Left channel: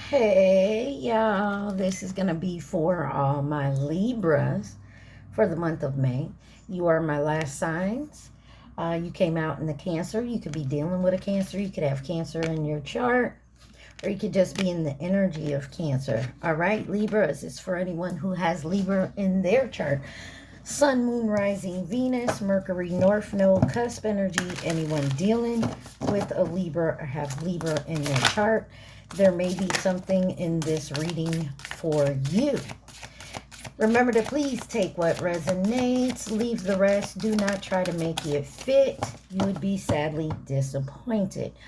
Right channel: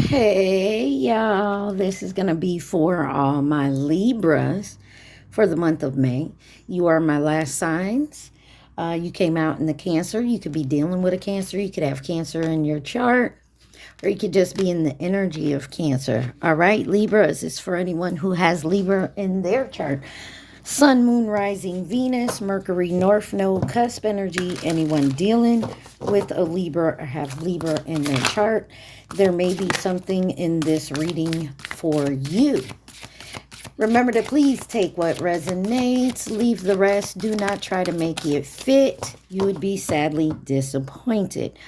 Hey y'all, this is going to be for all my Libras for the month of May. You are my last signs. You came out in the Cancer. You could be dealing with a Cancer. You could have Cancer in your chart, or you could just be in the energy of Cancer. All right, Libras is for anyone who has Libra in their chart. Sun, Moon, Rising, Venus, Mercury, North Node, Cusp energy. Anyone dealing with a Libra or have Libra in their chart, there may be something in this reading for you. Remember to please take what resonates, leave the rest. Do not try to make it fit. You would be sadly disappointed.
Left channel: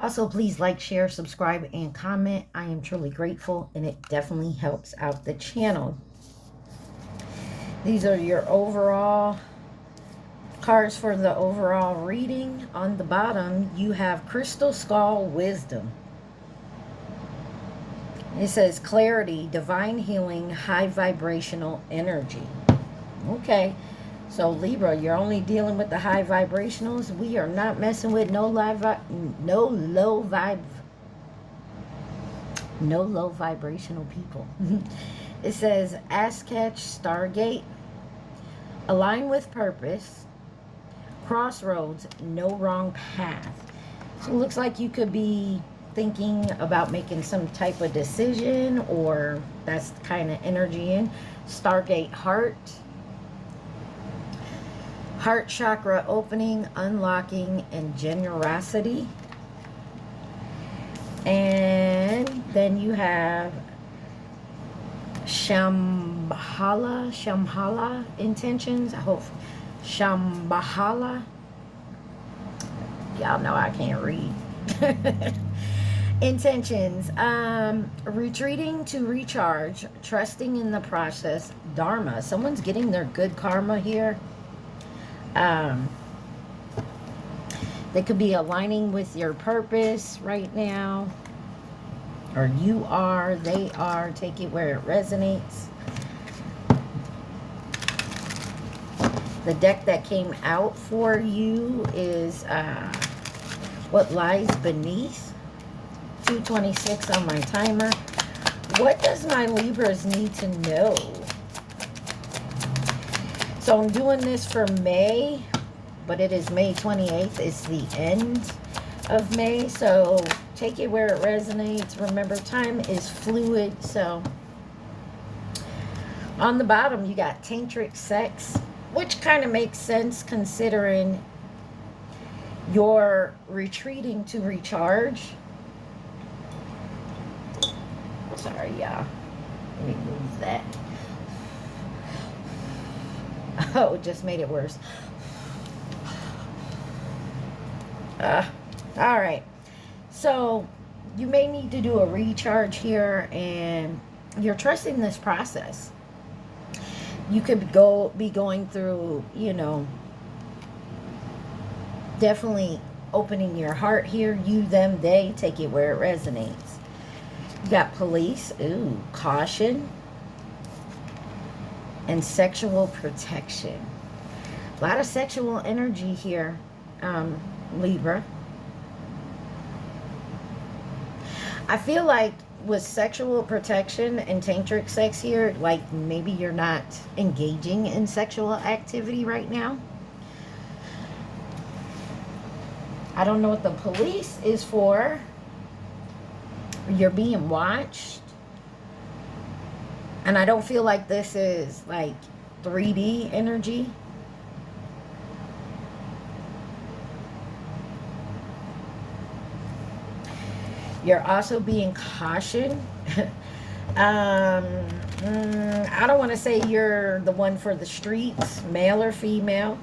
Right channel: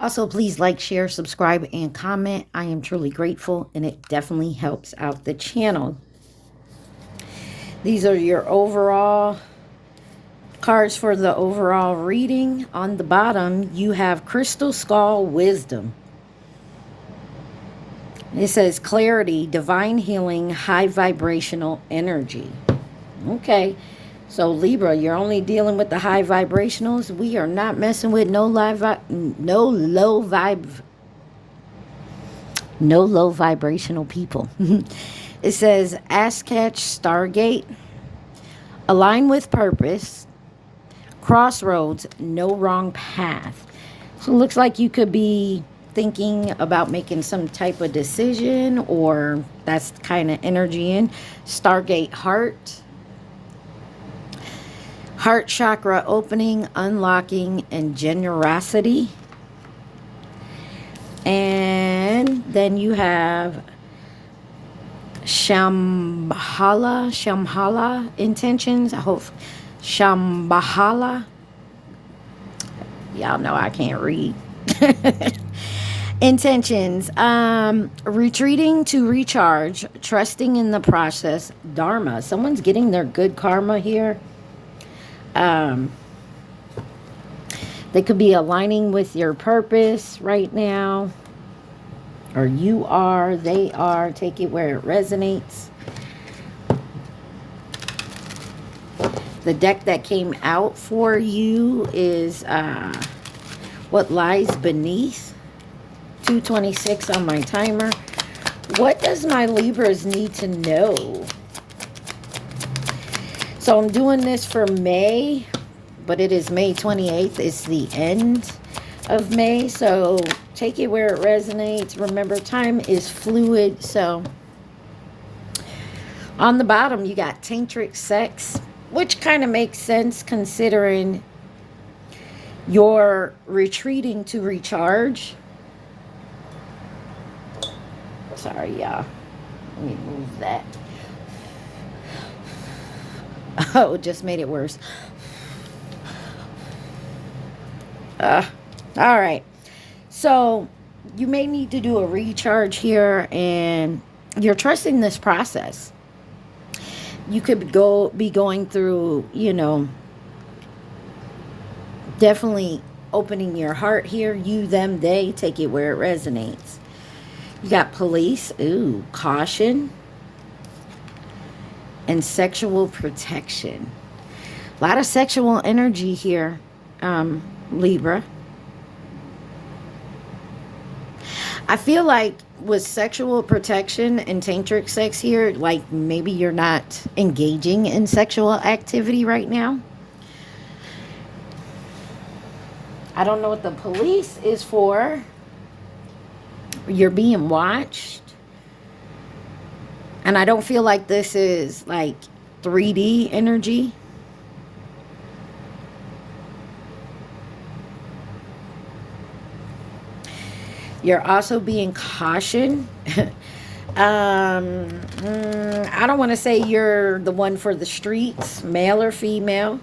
Also, please like, share, subscribe, and comment. I am truly grateful, and it definitely helps out the channel. These are your overall cards for the overall reading. On the bottom, you have Crystal Skull Wisdom. It says clarity, divine healing, high vibrational energy. Okay, so Libra, you're only dealing with the high vibrationals. We are not messing with no low vibrational people. It says Ask Catch Stargate, align with purpose, crossroads, no wrong path. So it looks like you could be thinking about making some type of decision, or that's kind of energy in Stargate. Heart chakra opening, unlocking, and generosity. And then you have Shambhala intentions. I hope Shambhala. Y'all know I can't read. Intentions. Retreating to recharge, trusting in the process, dharma. Someone's getting their good karma here. They could be aligning with your purpose right now, or you are, they are. Take it where it resonates. The deck that came out for you is What Lies Beneath. 226 on my timer. What does my Libras need to know? So I'm doing this for May, but it is May 28th. It's the end of May, so take it where it resonates. Remember, time is fluid. So on the bottom, you got tantric sex, which kind of makes sense considering you're retreating to recharge. Sorry, y'all. Let me move that. Oh, it just made it worse. All right. So you may need to do a recharge here, and you're trusting this process. You could be going through, definitely opening your heart here. You, them, they. Take it where it resonates. You got police. Ooh, caution. And sexual protection. A lot of sexual energy here, Libra. I feel like with sexual protection and tantric sex here, like maybe you're not engaging in sexual activity right now. I don't know what the police is for. You're being watched. And I don't feel like this is like 3D energy. You're also being cautioned. I don't want to say you're the one for the streets, male or female.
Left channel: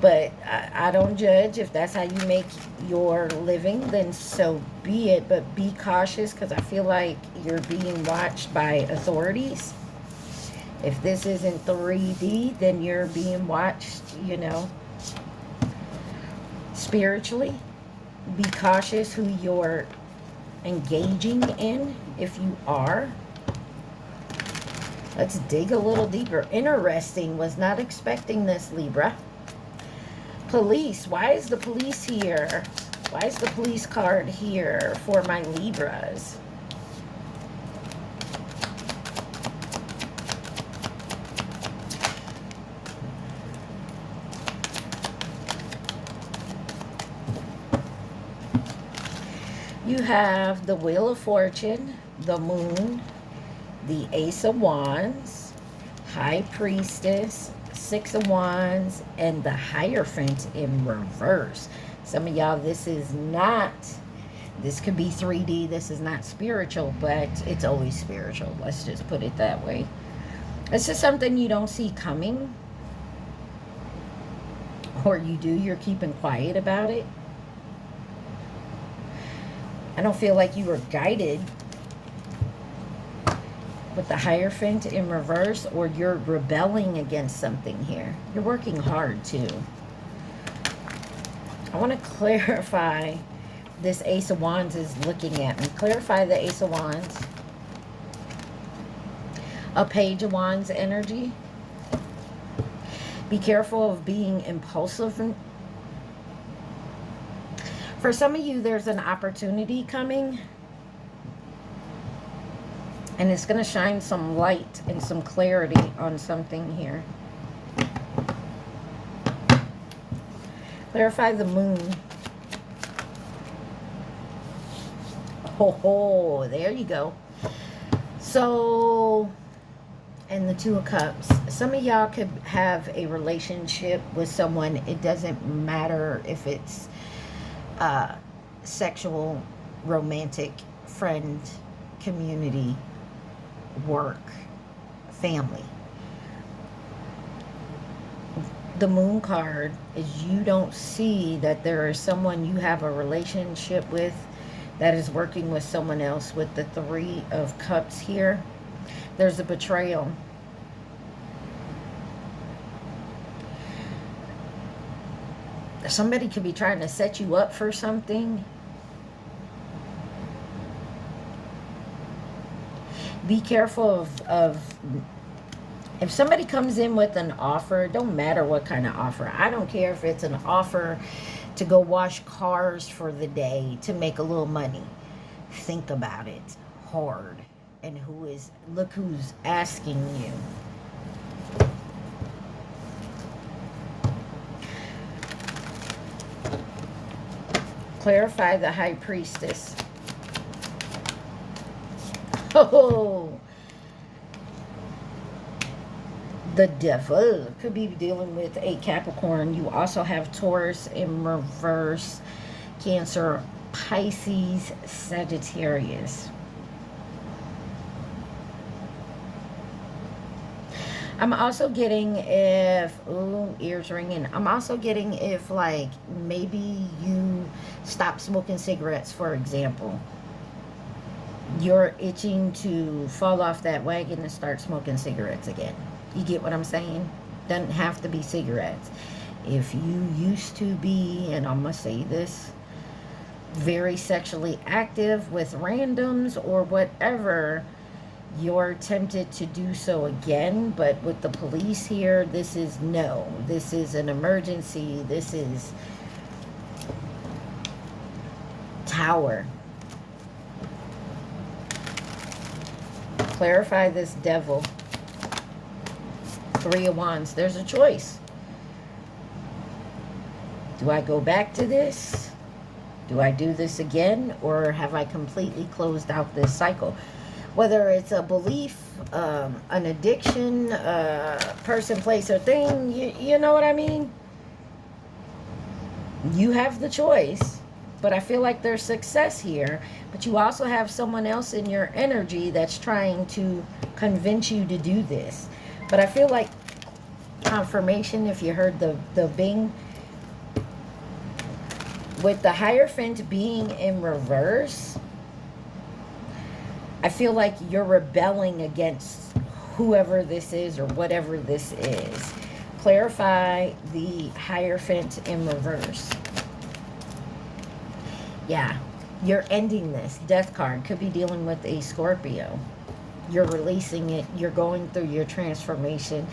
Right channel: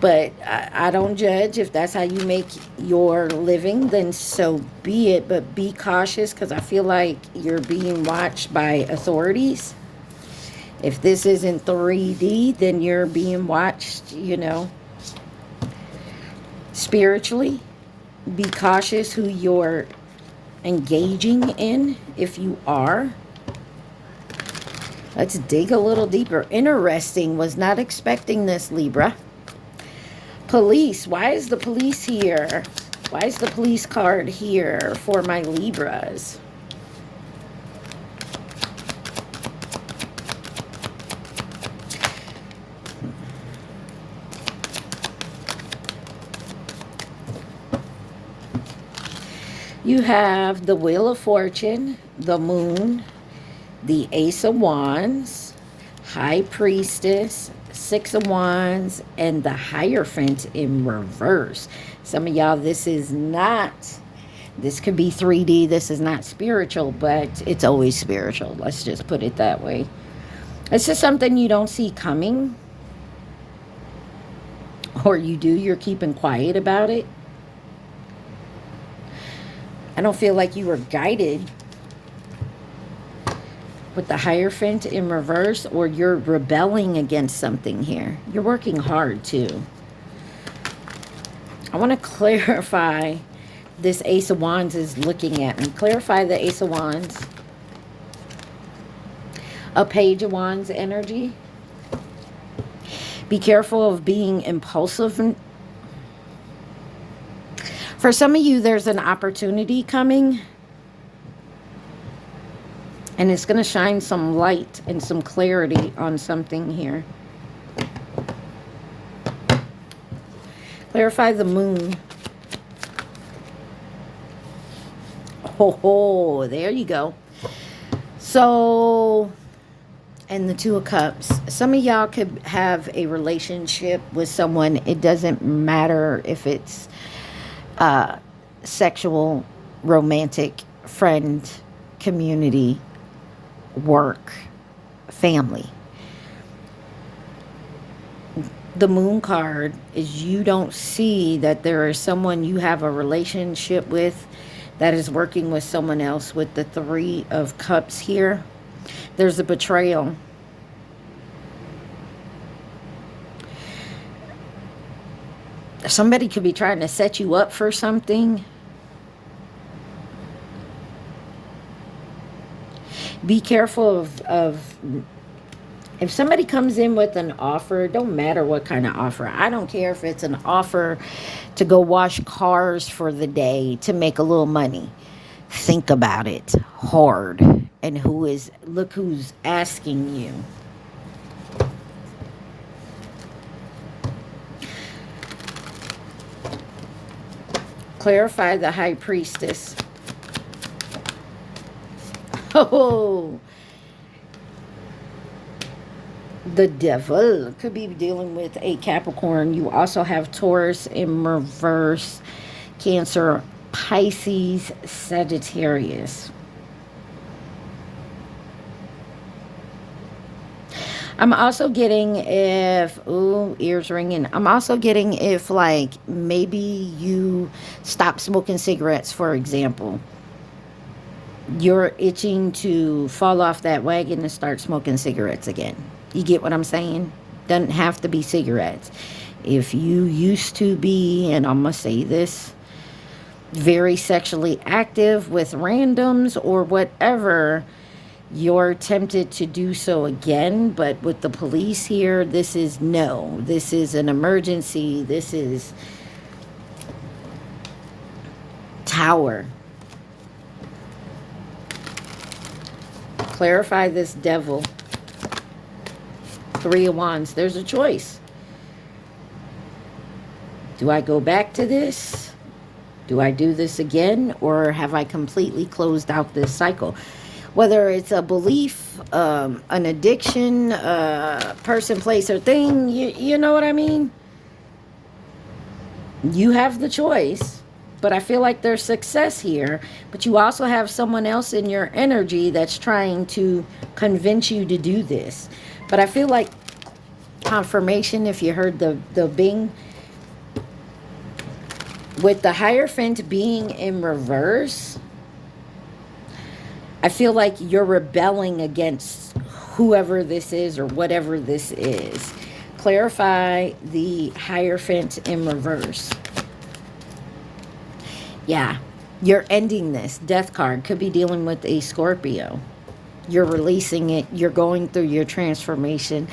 But I don't judge. If that's how you make your living, then so be it. But be cautious, because I feel like you're being watched by authorities. If this isn't 3D, then you're being watched, spiritually. Be cautious who you're engaging in, if you are. Let's dig a little deeper. Interesting. Was not expecting this, Libra. Police. Why is the police here? Why is the police card here for my Libras? You have the Wheel of Fortune, the Moon, the Ace of Wands, High Priestess, Six of Wands, and the Hierophant in reverse. Some of y'all, this could be 3D. This is not spiritual, but it's always spiritual. Let's just put it that way. This is something you don't see coming. Or you do, you're keeping quiet about it. I don't feel like you were guided with the Hierophant in reverse, or you're rebelling against something here. You're working hard too. I want to clarify this Ace of Wands is looking at me. Clarify the Ace of Wands. A Page of Wands energy. Be careful of being impulsive. For some of you, there's an opportunity coming. And it's going to shine some light and some clarity on something here. Clarify the Moon. Oh, there you go. So, and the Two of Cups. Some of y'all could have a relationship with someone. It doesn't matter if it's sexual, romantic, friend, community, work, family. The Moon card is you don't see that there is someone you have a relationship with that is working with someone else. With the Three of Cups here, there's a betrayal. Somebody could be trying to set you up for something. Be careful of if somebody comes in with an offer, it don't matter what kind of offer. I don't care if it's an offer to go wash cars for the day to make a little money. Think about it hard. And look who's asking you. Clarify the High Priestess. Oh, the Devil could be dealing with a Capricorn. You also have Taurus in reverse, Cancer, Pisces, Sagittarius. I'm also getting ears ringing. I'm also getting if like maybe you stop smoking cigarettes, for example. You're itching to fall off that wagon and start smoking cigarettes again. You get what I'm saying? Doesn't have to be cigarettes. If you used to be, and I'm going to say this, very sexually active with randoms or whatever, you're tempted to do so again. But with the police here, this is no. This is an emergency. This is Tower. Clarify this Devil. Three of Wands. There's a choice. Do I go back to this? Do I do this again? Or have I completely closed out this cycle? Whether it's a belief, an addiction, person, place, or thing, you know what I mean? You have the choice. But I feel like there's success here. But you also have someone else in your energy that's trying to convince you to do this. But I feel like confirmation, if you heard the bing, with the Hierophant being in reverse, I feel like you're rebelling against whoever this is or whatever this is. Clarify the Hierophant in reverse. Yeah, you're ending this. Death card could be dealing with a Scorpio. You're releasing it. You're going through your transformation.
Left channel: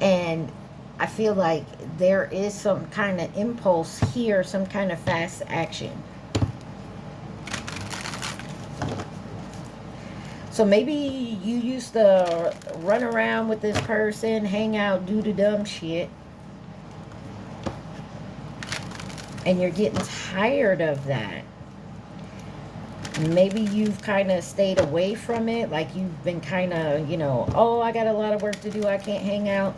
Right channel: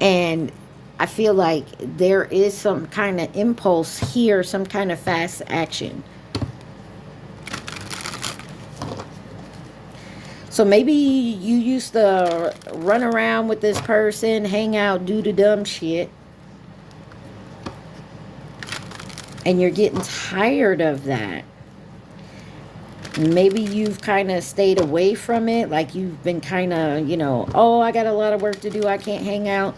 And I feel like there is some kind of impulse here, some kind of fast action. So maybe you used to run around with this person, hang out, do the dumb shit. And you're getting tired of that. Maybe you've kind of stayed away from it. Like you've been kind of, you know, oh, I got a lot of work to do. I can't hang out,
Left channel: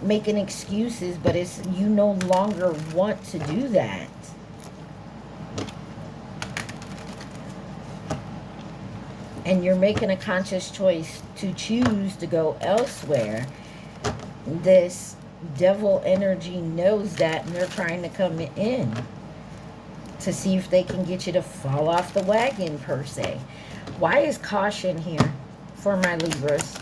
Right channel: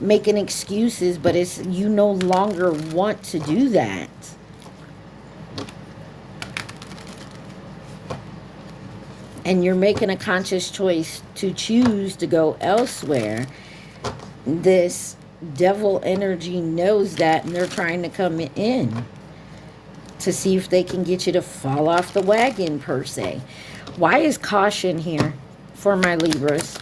making excuses. But it's, you no longer want to do that. And you're making a conscious choice to choose to go elsewhere. This devil energy knows that, and they're trying to come in to see if they can get you to fall off the wagon, per se. Why is caution here for my Libras?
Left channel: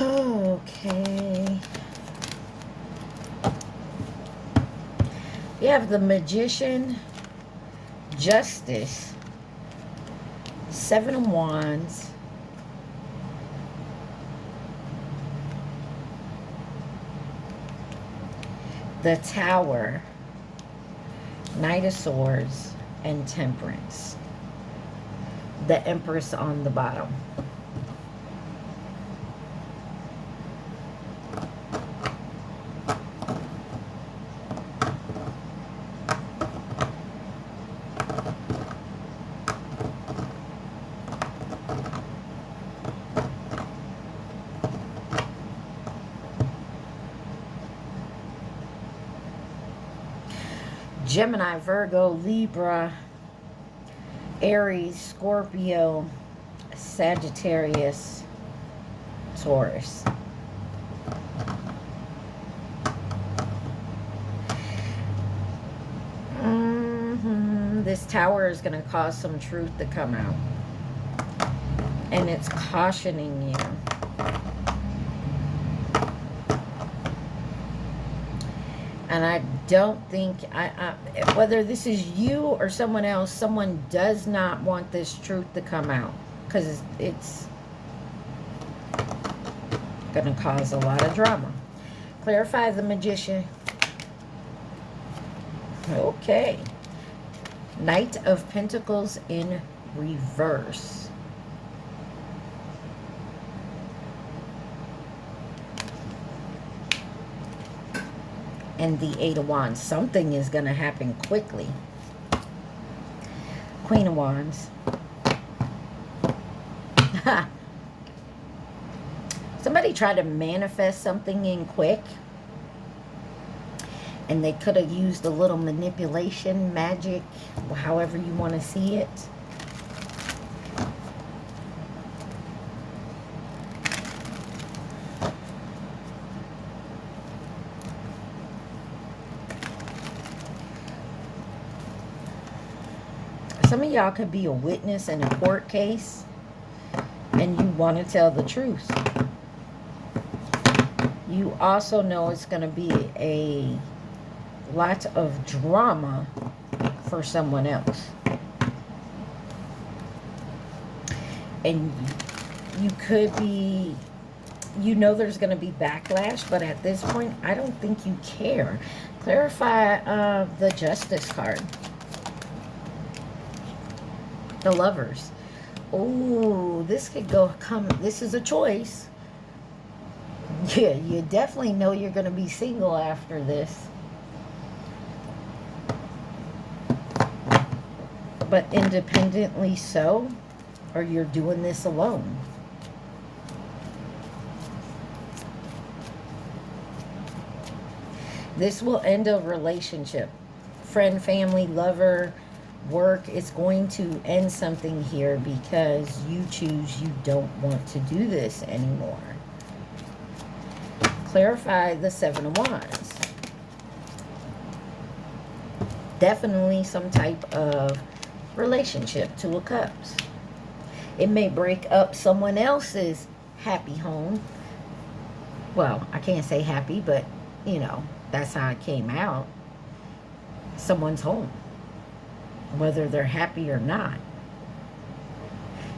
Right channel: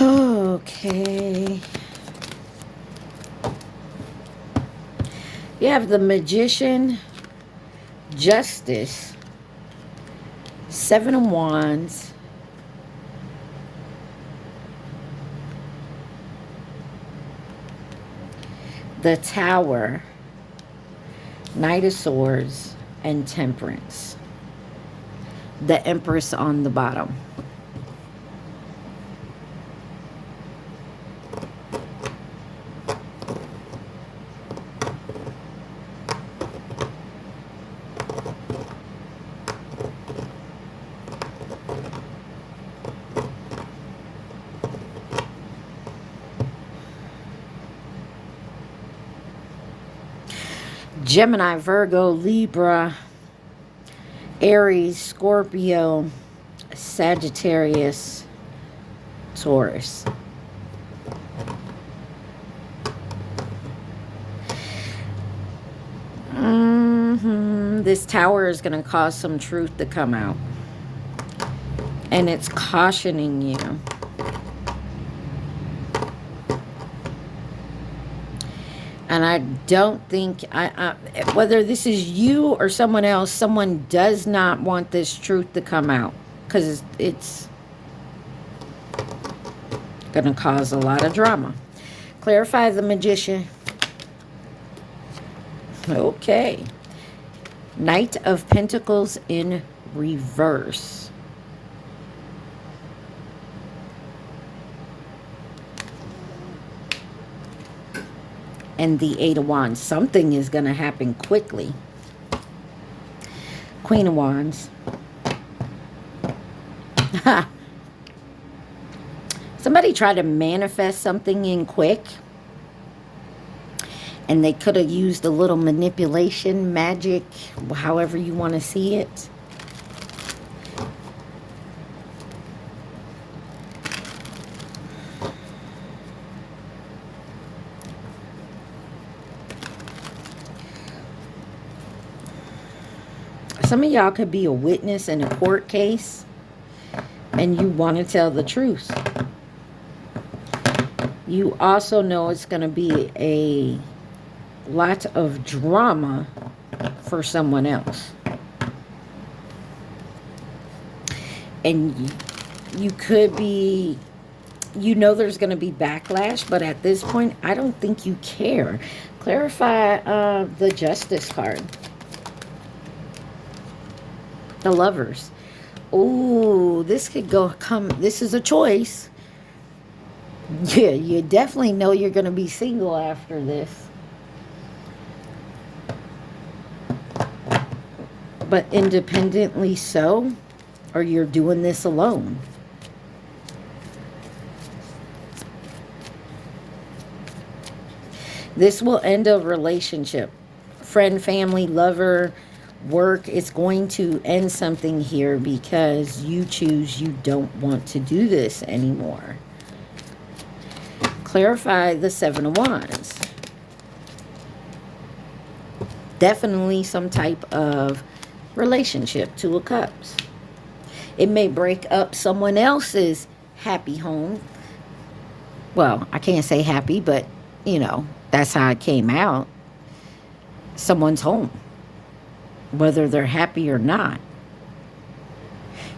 Okay. You have the Magician, Justice, Seven of Wands, the Tower, Knight of Swords, and Temperance. The Empress on the bottom. Gemini, Virgo, Libra, Aries, Scorpio, Sagittarius, Taurus. This Tower is going to cause some truth to come out. And it's cautioning you. And I don't think, whether this is you or someone else, someone does not want this truth to come out. Because it's going to cause a lot of drama. Clarify the Magician. Okay. Knight of Pentacles in reverse. And the Eight of Wands. Something is going to happen quickly. Queen of Wands. Somebody tried to manifest something in quick. And they could have used a little manipulation, magic, however you want to see it. Some of y'all could be a witness in a court case and you want to tell the truth. You also know it's going to be a lot of drama for someone else. And you could be, you know there's going to be backlash, but at this point, I don't think you care. Clarify the Justice card. The Lovers. Oh, this could this is a choice. Yeah, you definitely know you're going to be single after this. But independently so, or you're doing this alone. This will end a relationship. Friend, family, lover, work. It's going to end something here because you choose you don't want to do this anymore. Clarify the Seven of Wands. Definitely some type of relationship. Two of Cups. It may break up someone else's happy home. Well, I can't say happy, but you know, that's how it came out. Someone's home, whether they're happy or not.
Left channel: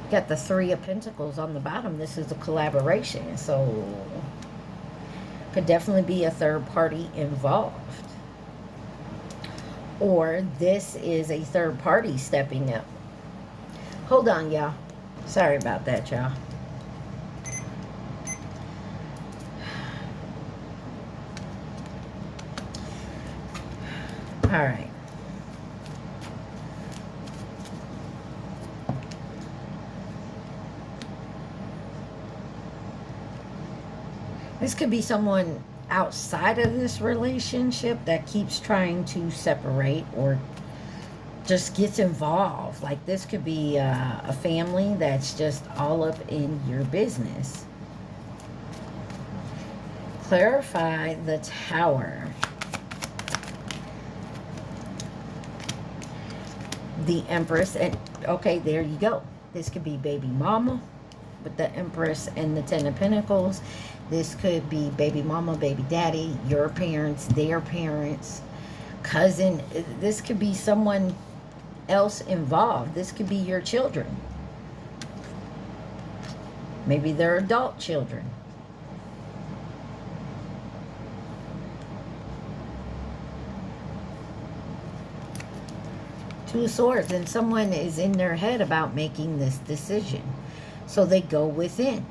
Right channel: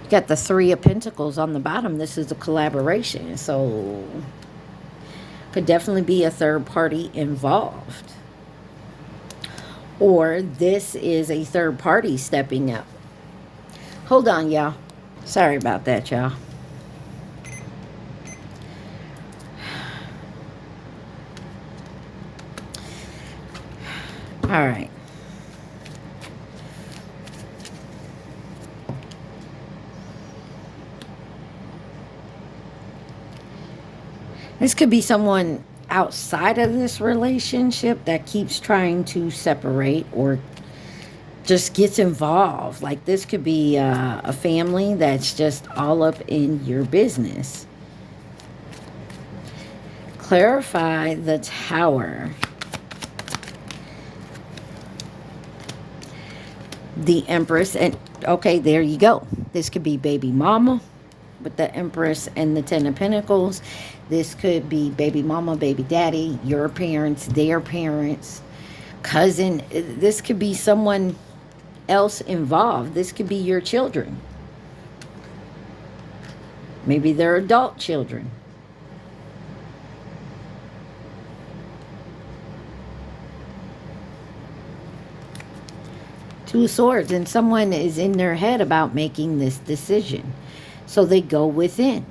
You got the Three of Pentacles on the bottom. This is a collaboration, so could definitely be a third party involved. Or this is a third party stepping up. Hold on, y'all. Sorry about that, y'all. All right. This could be someone outside of this relationship that keeps trying to separate or just gets involved. Like this could be a family that's just all up in your business. Clarify the Tower. The Empress, and okay, there you go. This could be baby mama with the Empress and the Ten of Pentacles. This could be baby mama, baby daddy, your parents, their parents, cousin. This could be someone else involved. This could be your children. Maybe they're adult children. Two of Swords, and someone is in their head about making this decision. So they go within.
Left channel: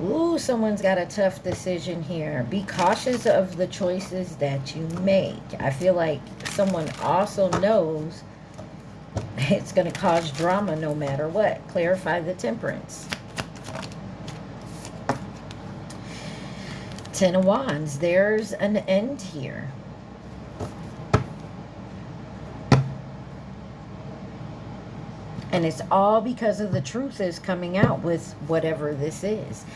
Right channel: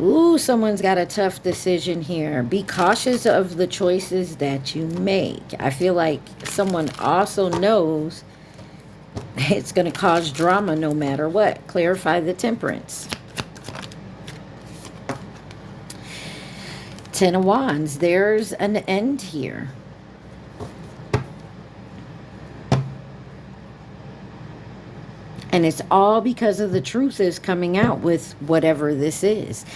Ooh, someone's got a tough decision here. Be cautious of the choices that you make. I feel like someone also knows it's going to cause drama no matter what. Clarify the Temperance. Ten of Wands. There's an end here. And it's all because of the truth is coming out with whatever this is.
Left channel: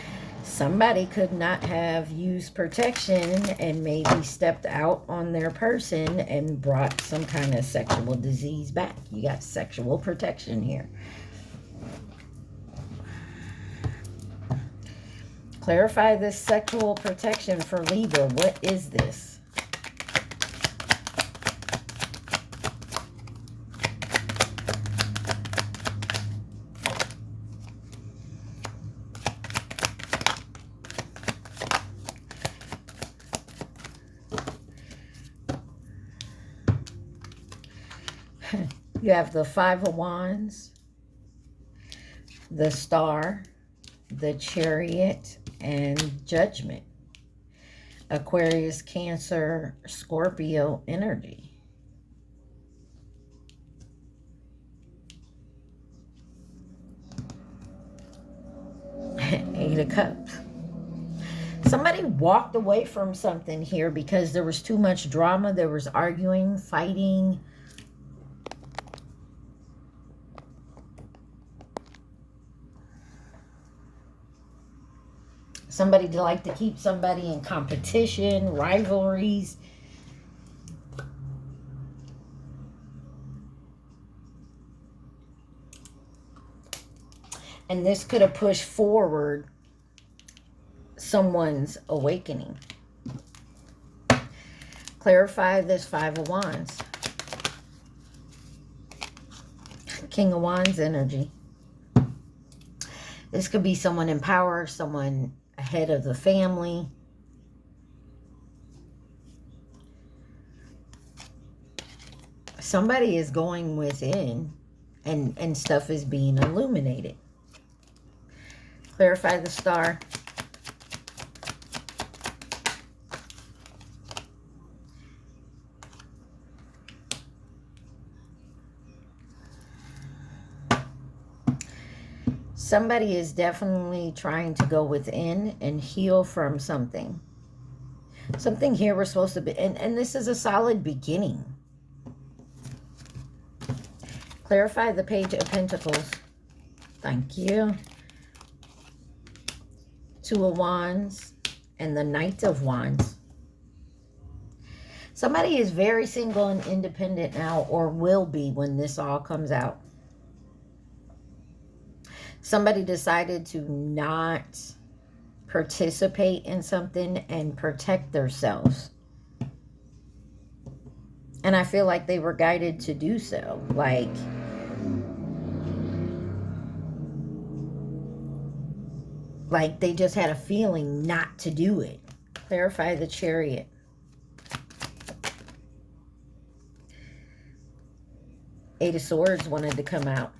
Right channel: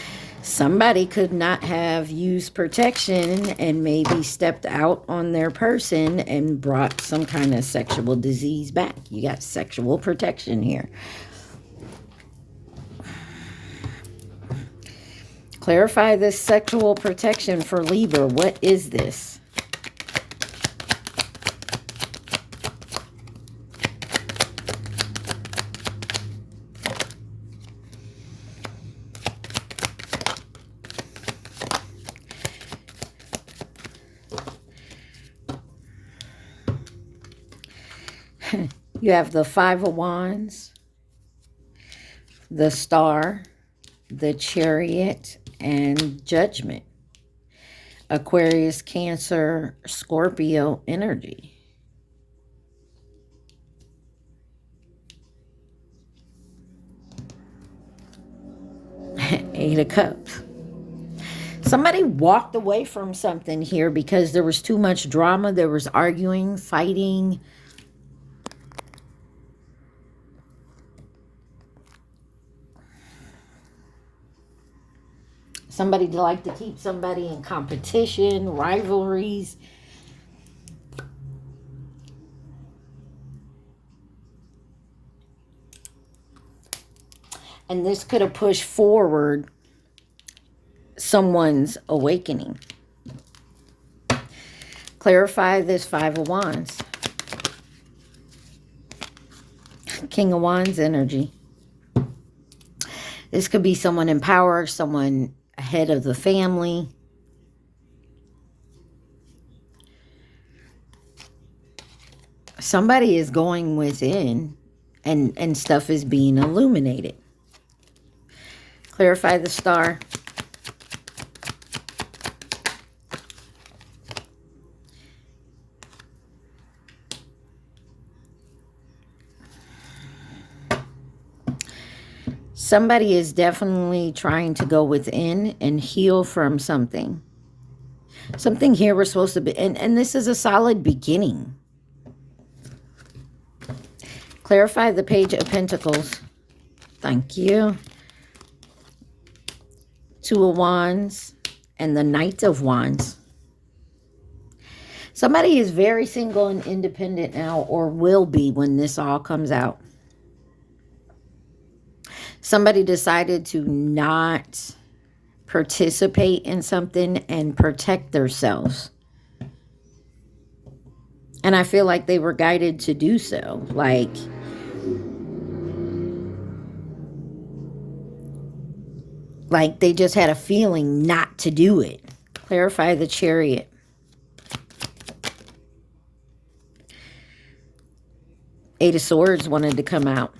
Somebody could not have used protection and maybe stepped out on their person and brought some kind of sexual disease back. You got sexual protection here. Clarify this sexual protection for Libra. What is this? You have the Five of Wands, the Star, the Chariot, and Judgment. Aquarius, Cancer, Scorpio energy. Eight of Cups. Somebody walked away from something here because there was too much drama. There was arguing, fighting. Somebody like to keep somebody in competition, rivalries. And this could have pushed forward someone's awakening. Clarify this Five of Wands. King of Wands energy. This could be someone in power, someone head of the family. Somebody is going within and stuff is being illuminated. Clarify the Star. Somebody is definitely trying to go within and heal from something. Something here we're supposed to be, and this is a solid beginning. Clarify the Page of Pentacles. Thank you. Two of Wands and the Knight of Wands. Somebody is very single and independent now, or will be when this all comes out. Somebody decided to not participate in something and protect themselves. And I feel like they were guided to do so. Like they just had a feeling not to do it. Clarify the Chariot. Eight of Swords wanted to come out.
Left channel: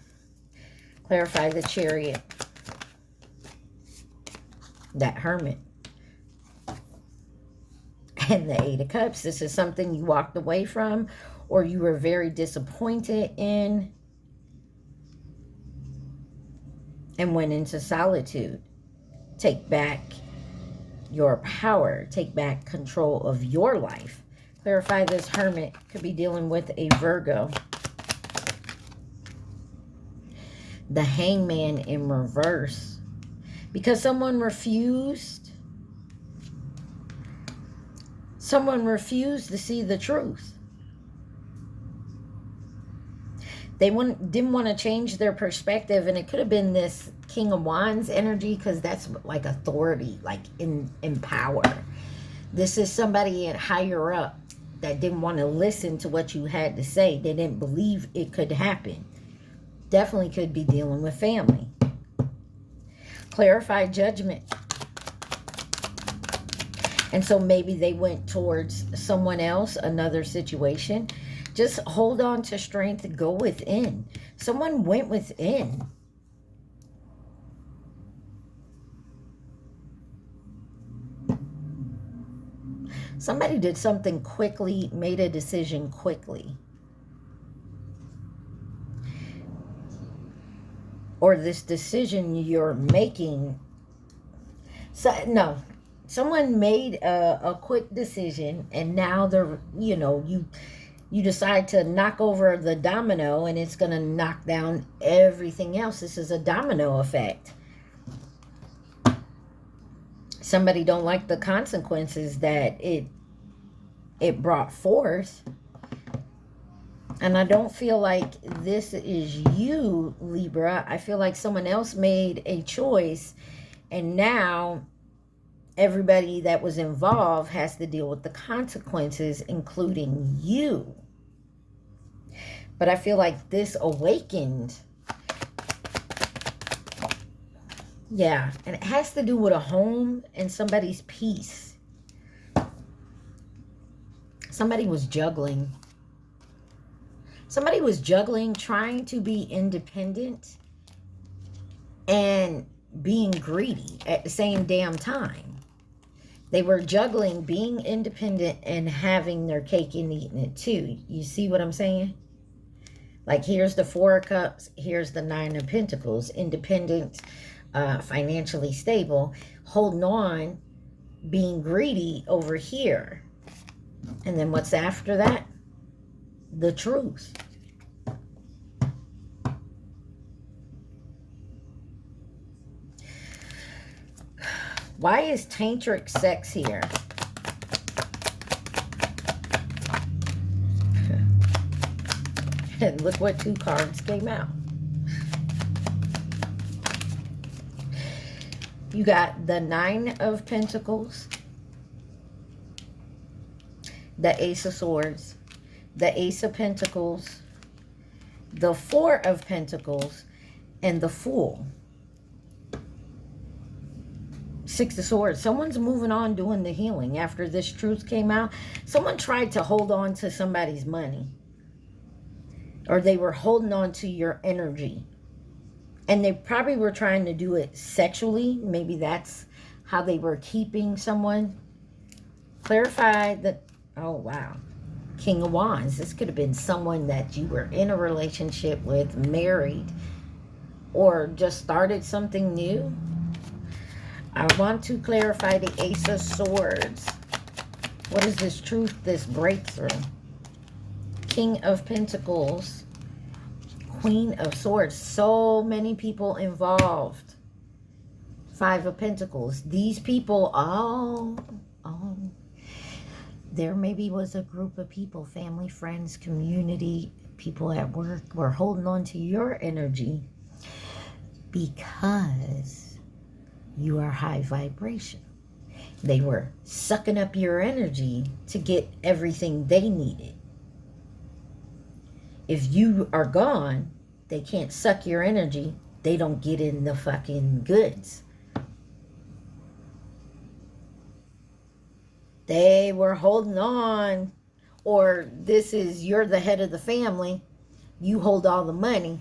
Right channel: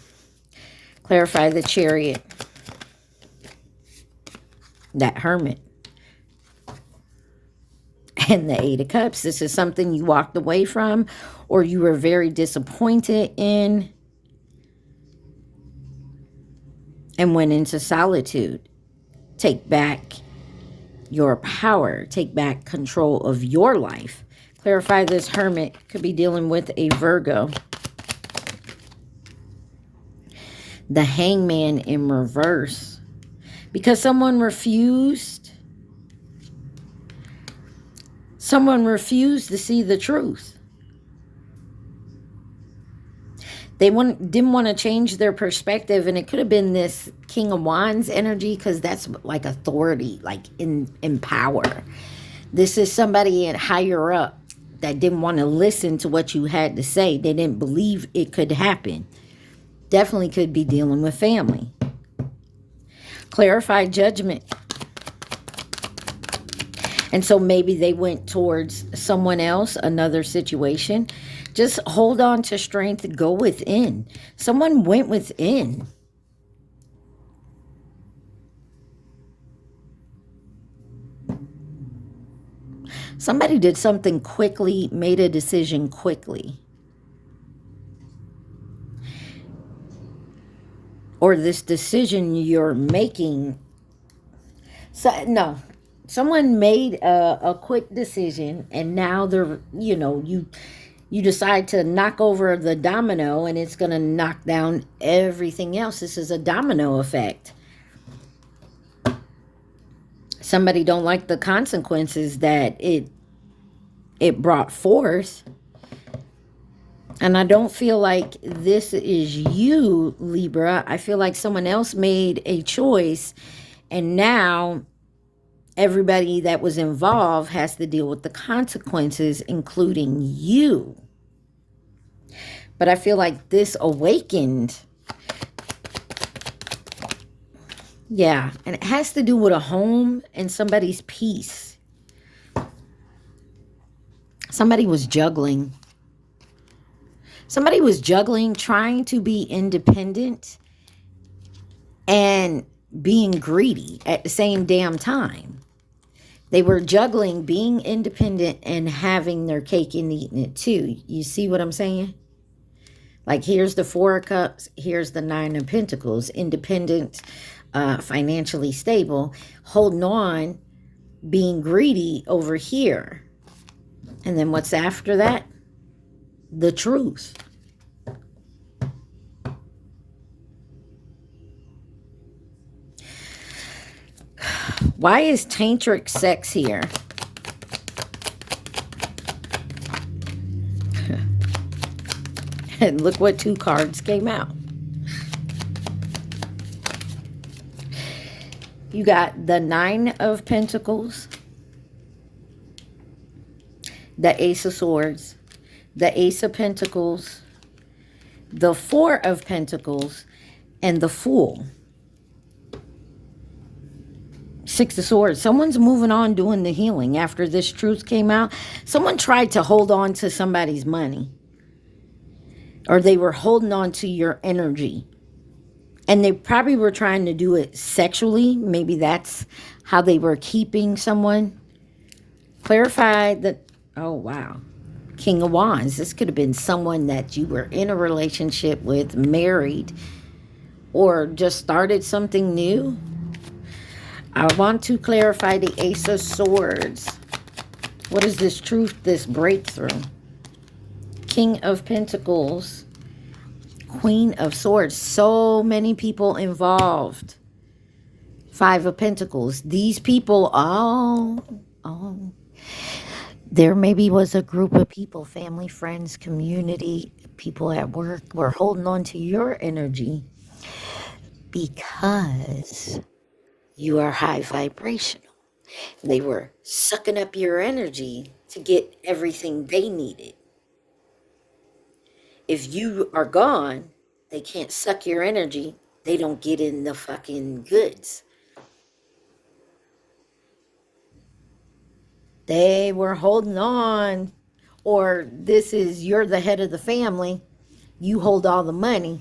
Clarify the Chariot. That Hermit. And the Eight of Cups. This is something you walked away from or you were very disappointed in and went into solitude. Take back your power. Take back control of your life. Clarify this Hermit. Could be dealing with a Virgo. The Hangman in reverse. Because someone refused. Someone refused to see the truth. They didn't want to change their perspective, and it could have been this King of Wands energy, because that's like authority, like in power. This is somebody at higher up that didn't want to listen to what you had to say. They didn't believe it could happen. Definitely could be dealing with family. Clarify Judgment. And so maybe they went towards someone else, another situation. Just hold on to strength. Go within. Someone went within. Somebody did something quickly, made a decision quickly. Or this decision you're making. No. Someone made a quick decision, and now they're, you decide to knock over the domino, and it's going to knock down everything else. This is a domino effect. Somebody don't like the consequences that it brought forth. And I don't feel like this is you, Libra. I feel like someone else made a choice, and now everybody that was involved has to deal with the consequences, including you. But I feel like this awakened. Yeah, and it has to do with a home and somebody's peace. Somebody was juggling. Somebody was juggling, trying to be independent and being greedy at the same damn time. They were juggling being independent and having their cake and eating it too. You see what I'm saying? Like, here's the Four of Cups. Here's the Nine of Pentacles. Independent, financially stable. Holding on, being greedy over here. And then what's after that? The truth. Why is tantric sex here? And look what two cards came out. You got the Nine of Pentacles, the Ace of Swords, the Ace of Pentacles, the Four of Pentacles, and the Fool. Six of Swords. Someone's moving on, doing the healing. After this truth came out, someone tried to hold on to somebody's money. Or they were holding on to your energy. And they probably were trying to do it sexually. Maybe that's how they were keeping someone. Clarify that. Oh, wow. King of Wands. This could have been someone that you were in a relationship with, married, or just started something new. I want to clarify the Ace of Swords. What is this truth, this breakthrough? King of Pentacles. Queen of Swords. So many people involved. Five of Pentacles. These people, there maybe was a group of people, family, friends, community, people at work, were holding on to your energy because you are high vibrational. They were sucking up your energy to get everything they needed. If you are gone, they can't suck your energy. They don't get in the fucking goods. They were holding on. Or this is, you're the head of the family. You hold all the money.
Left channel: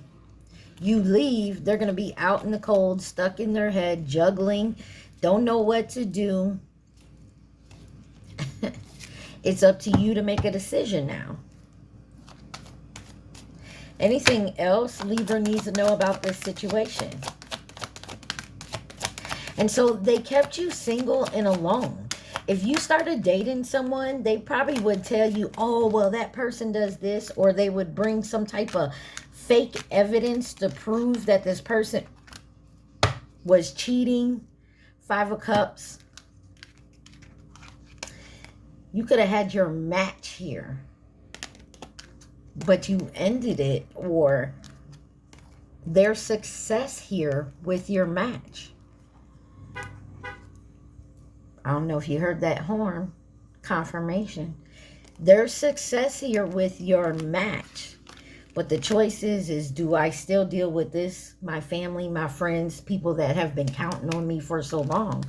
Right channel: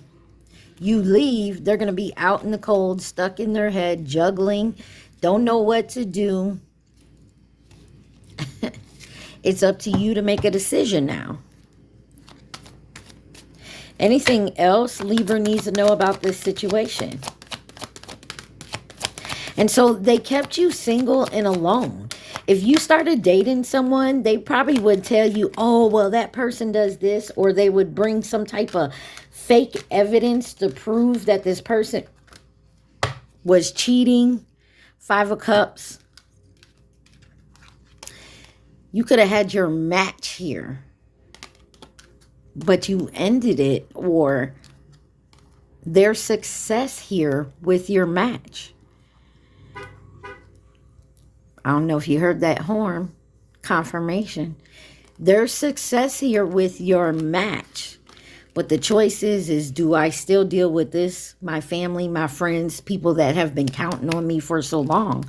You leave, they're going to be out in the cold, stuck in their head, juggling, don't know what to do. It's up to you to make a decision now. Anything else Libra needs to know about this situation? And so they kept you single and alone. If you started dating someone, they probably would tell you, oh, well, that person does this, or they would bring some type of fake evidence to prove that this person was cheating. 5 of Cups. You could have had your match here, but you ended it, or their success here with your match. I don't know if you heard that horn confirmation. There's success here with your match. But the choice is do I still deal with this, my family, my friends, people that have been counting on me for so long?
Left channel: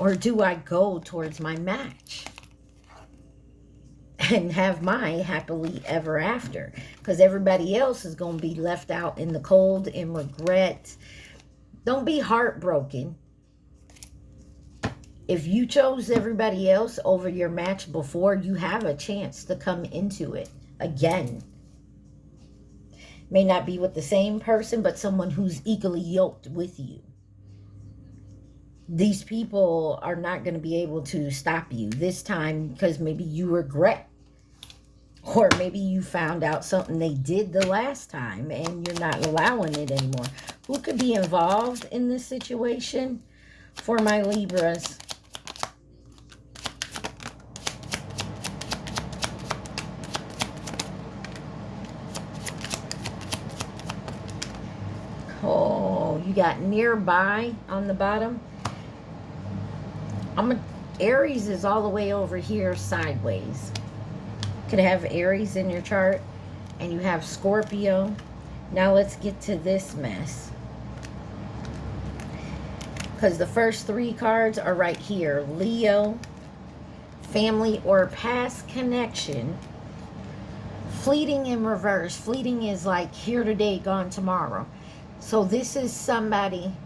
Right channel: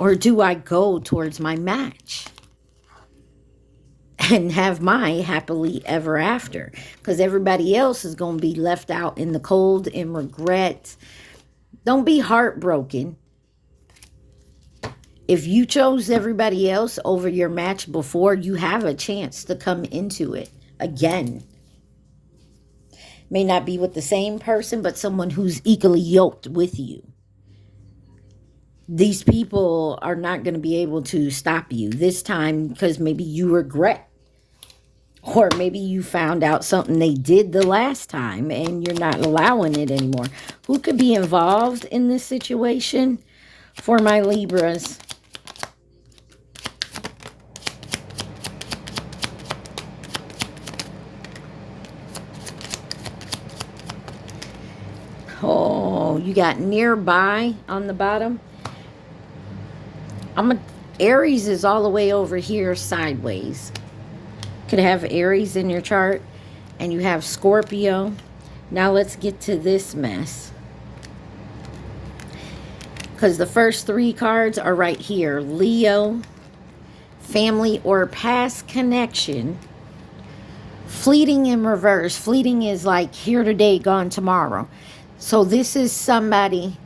Or do I go towards my match and have my happily ever after? Because everybody else is going to be left out in the cold and regret. Don't be heartbroken. If you chose everybody else over your match before, you have a chance to come into it again. May not be with the same person, but someone who's equally yoked with you. These people are not going to be able to stop you this time because maybe you regret. Or maybe you found out something they did the last time and you're not allowing it anymore. Who could be involved in this situation for my Libras? Oh, you got nearby on the bottom. Aries is all the way over here sideways. Could have Aries in your chart, and you have Scorpio. Now let's get to this mess, because the first 3 cards are right here. Leo, family or past connection. Fleeting in reverse. Fleeting is like here today, gone tomorrow. So this is somebody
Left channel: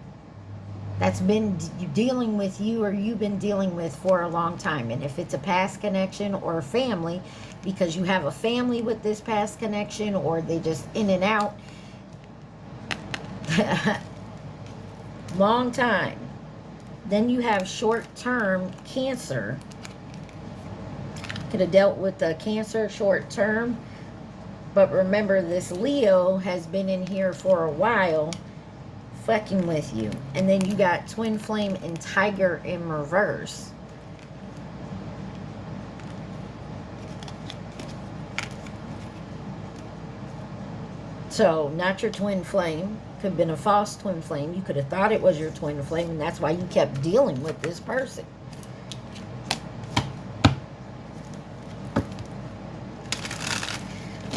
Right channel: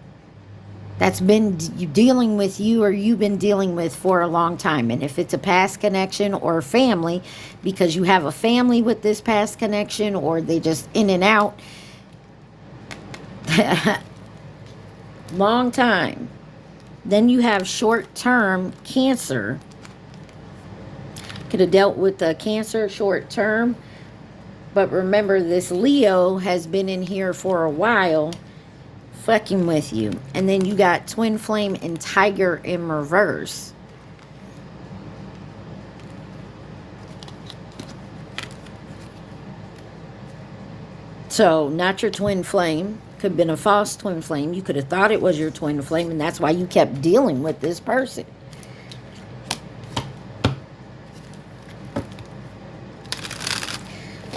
that's been dealing with you, or you've been dealing with for a long time. And if it's a past connection or family, because you have a family with this past connection, or they just in and out. Long time. Then you have short-term Cancer. Could have dealt with the Cancer short-term. But remember, this Leo has been in here for a while fucking with you. And then you got Twin Flame and Tiger in reverse. So, not your twin flame. Could have been a false twin flame. You could have thought it was your twin flame, and that's why you kept dealing with this person.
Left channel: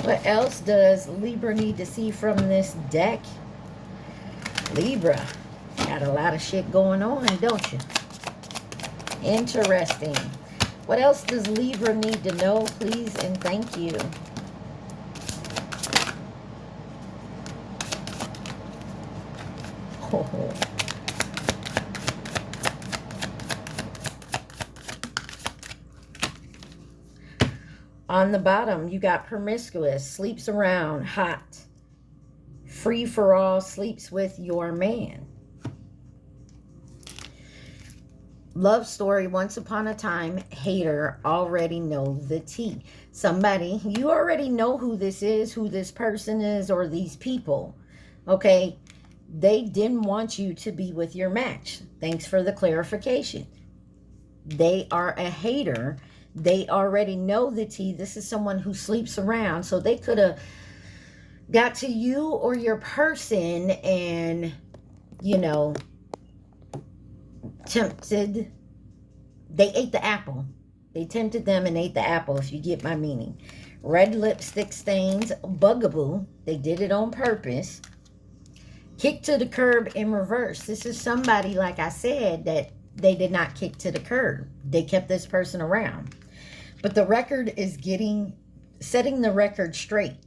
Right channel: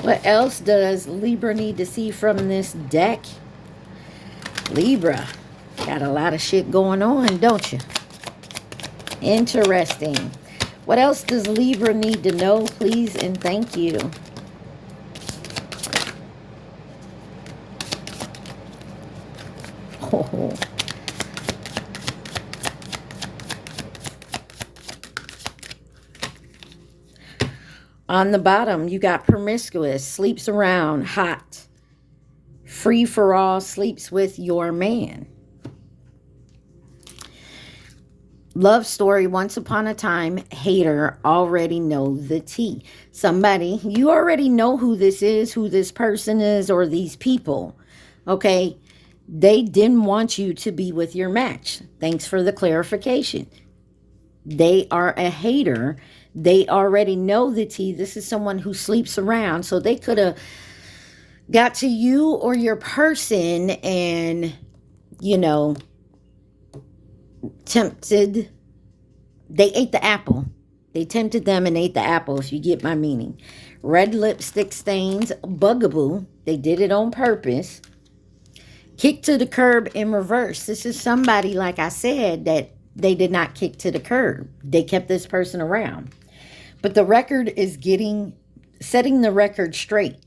What else does Libra need to see from this deck? Libra, got a lot of shit going on, don't you? Interesting. What else does Libra need to know, please, and thank you? Oh. On the bottom, you got promiscuous, sleeps around, hot, free for all, sleeps with your man. Love story, once upon a time, hater, already know the tea. Somebody, you already know who this is, who this person is, or these people, okay? They didn't want you to be with your match. Thanks for the clarification. They are a hater. They already know the tea. This is someone who sleeps around. So they could have got to you or your person and, you know, tempted. They ate the apple. They tempted them and ate the apple, if you get my meaning. Red lipstick stains, bugaboo. They did it on purpose. Kick to the curb in reverse. This is somebody, like I said, that they did not kick to the curb. They kept this person around. But the record is setting the record straight.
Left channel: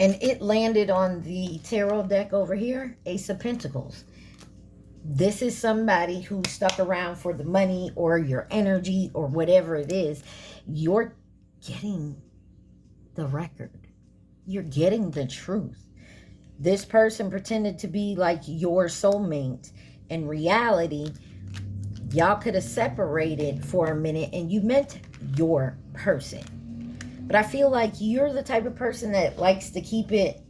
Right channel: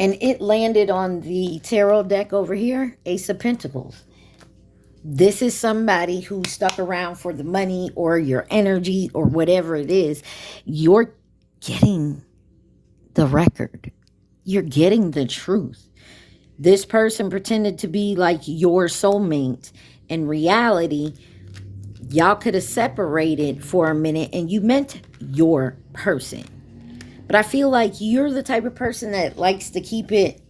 And it landed on the tarot deck over here, Ace of Pentacles. This is somebody who stuck around for the money or your energy or whatever it is. You're getting the record. You're getting the truth. This person pretended to be like your soulmate. In reality, y'all could have separated for a minute and you meant your person. But I feel like you're the type of person that likes to keep it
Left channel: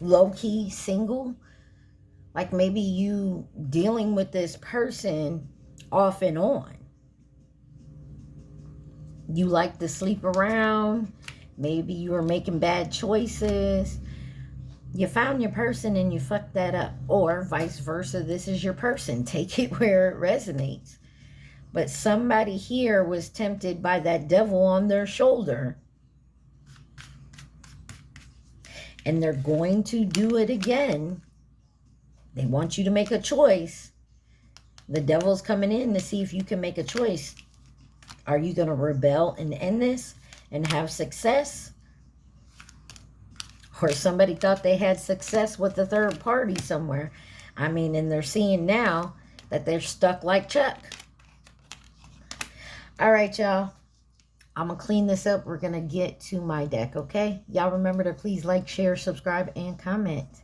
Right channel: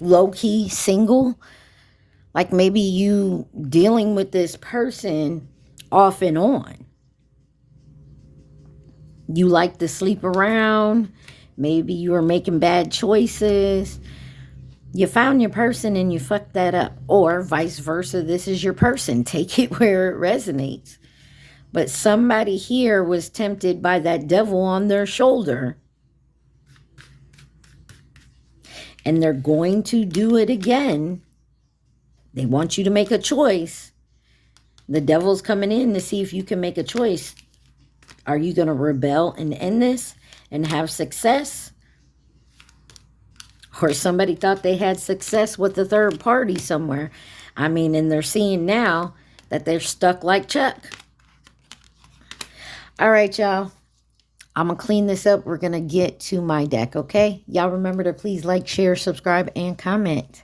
low-key single. Like maybe you dealing with this person off and on. You like to sleep around. Maybe you are making bad choices. You found your person and you fucked that up. Or vice versa, this is your person. Take it where it resonates. But somebody here was tempted by that devil on their shoulder. And they're going to do it again. They want you to make a choice. The devil's coming in to see if you can make a choice. Are you going to rebel and end this and have success? Or somebody thought they had success with the third party somewhere. I mean, and they're seeing now that they're stuck like Chuck. All right, y'all. I'm going to clean this up. We're going to get to my deck, okay? Y'all remember to please like, share, subscribe, and comment.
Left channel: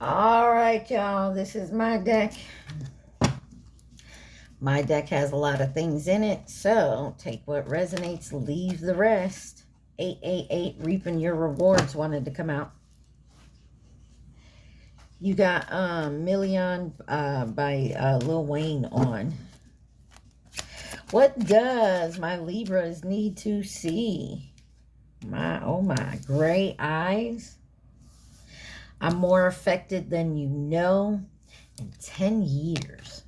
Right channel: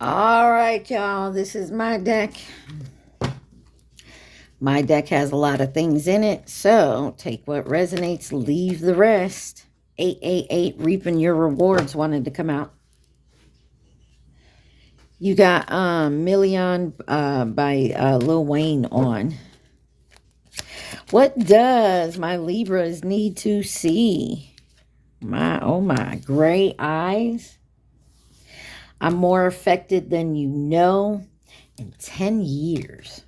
All right, y'all. This is my deck. My deck has a lot of things in it, so take what resonates, leave the rest. 888, reaping your rewards wanted to come out. You got Million by Lil Wayne on. What does my Libras need to see? Oh my, gray eyes. I'm more affected than you know in 10 years.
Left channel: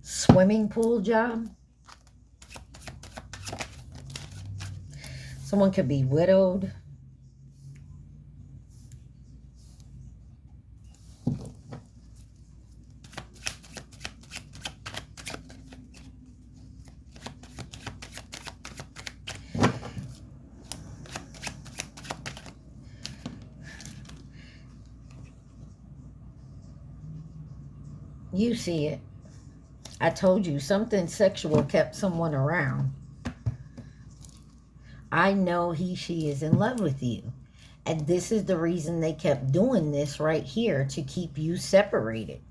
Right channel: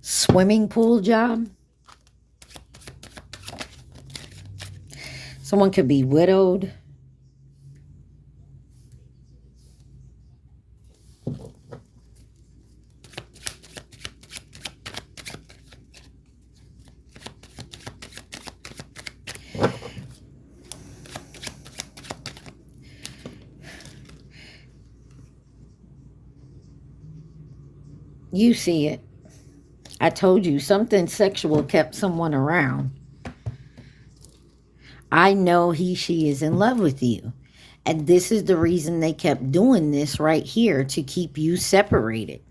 Swimming pool job. Someone could be widowed. You see it. I told you something sexual kept someone around. I know she is in love with you. And this is the reason they kept doing this right here, to keep you separated.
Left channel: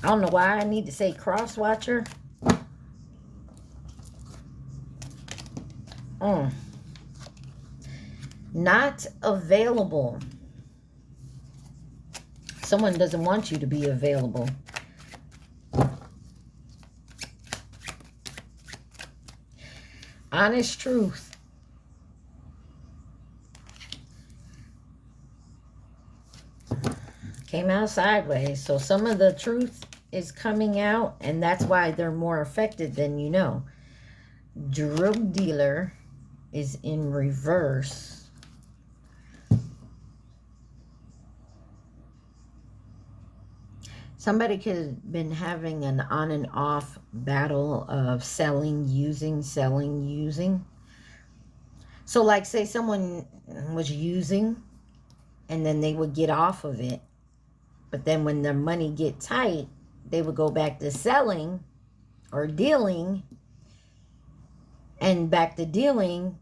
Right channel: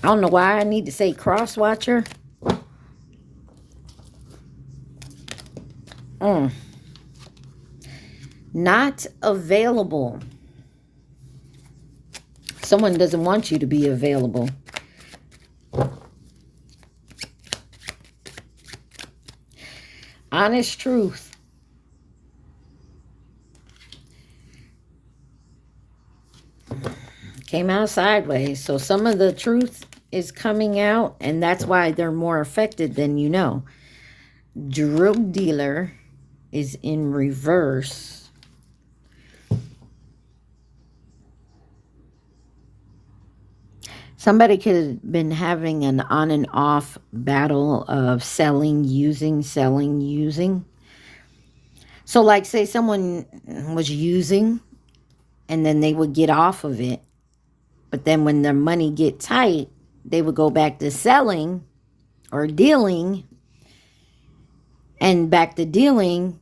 I don't know why I need to say cross-watcher. Not available. Someone doesn't want you to be available. Honest truth. Came out sideways. So some of the truth is coming out, and that's why they're more affected than you know. Drug dealer is in reverse. Somebody could have been having an on and off battle of selling, using, selling, using. So like say someone was using and then they would get off of it. But then when their money get tight, they would go back to selling or dealing. And back to dealing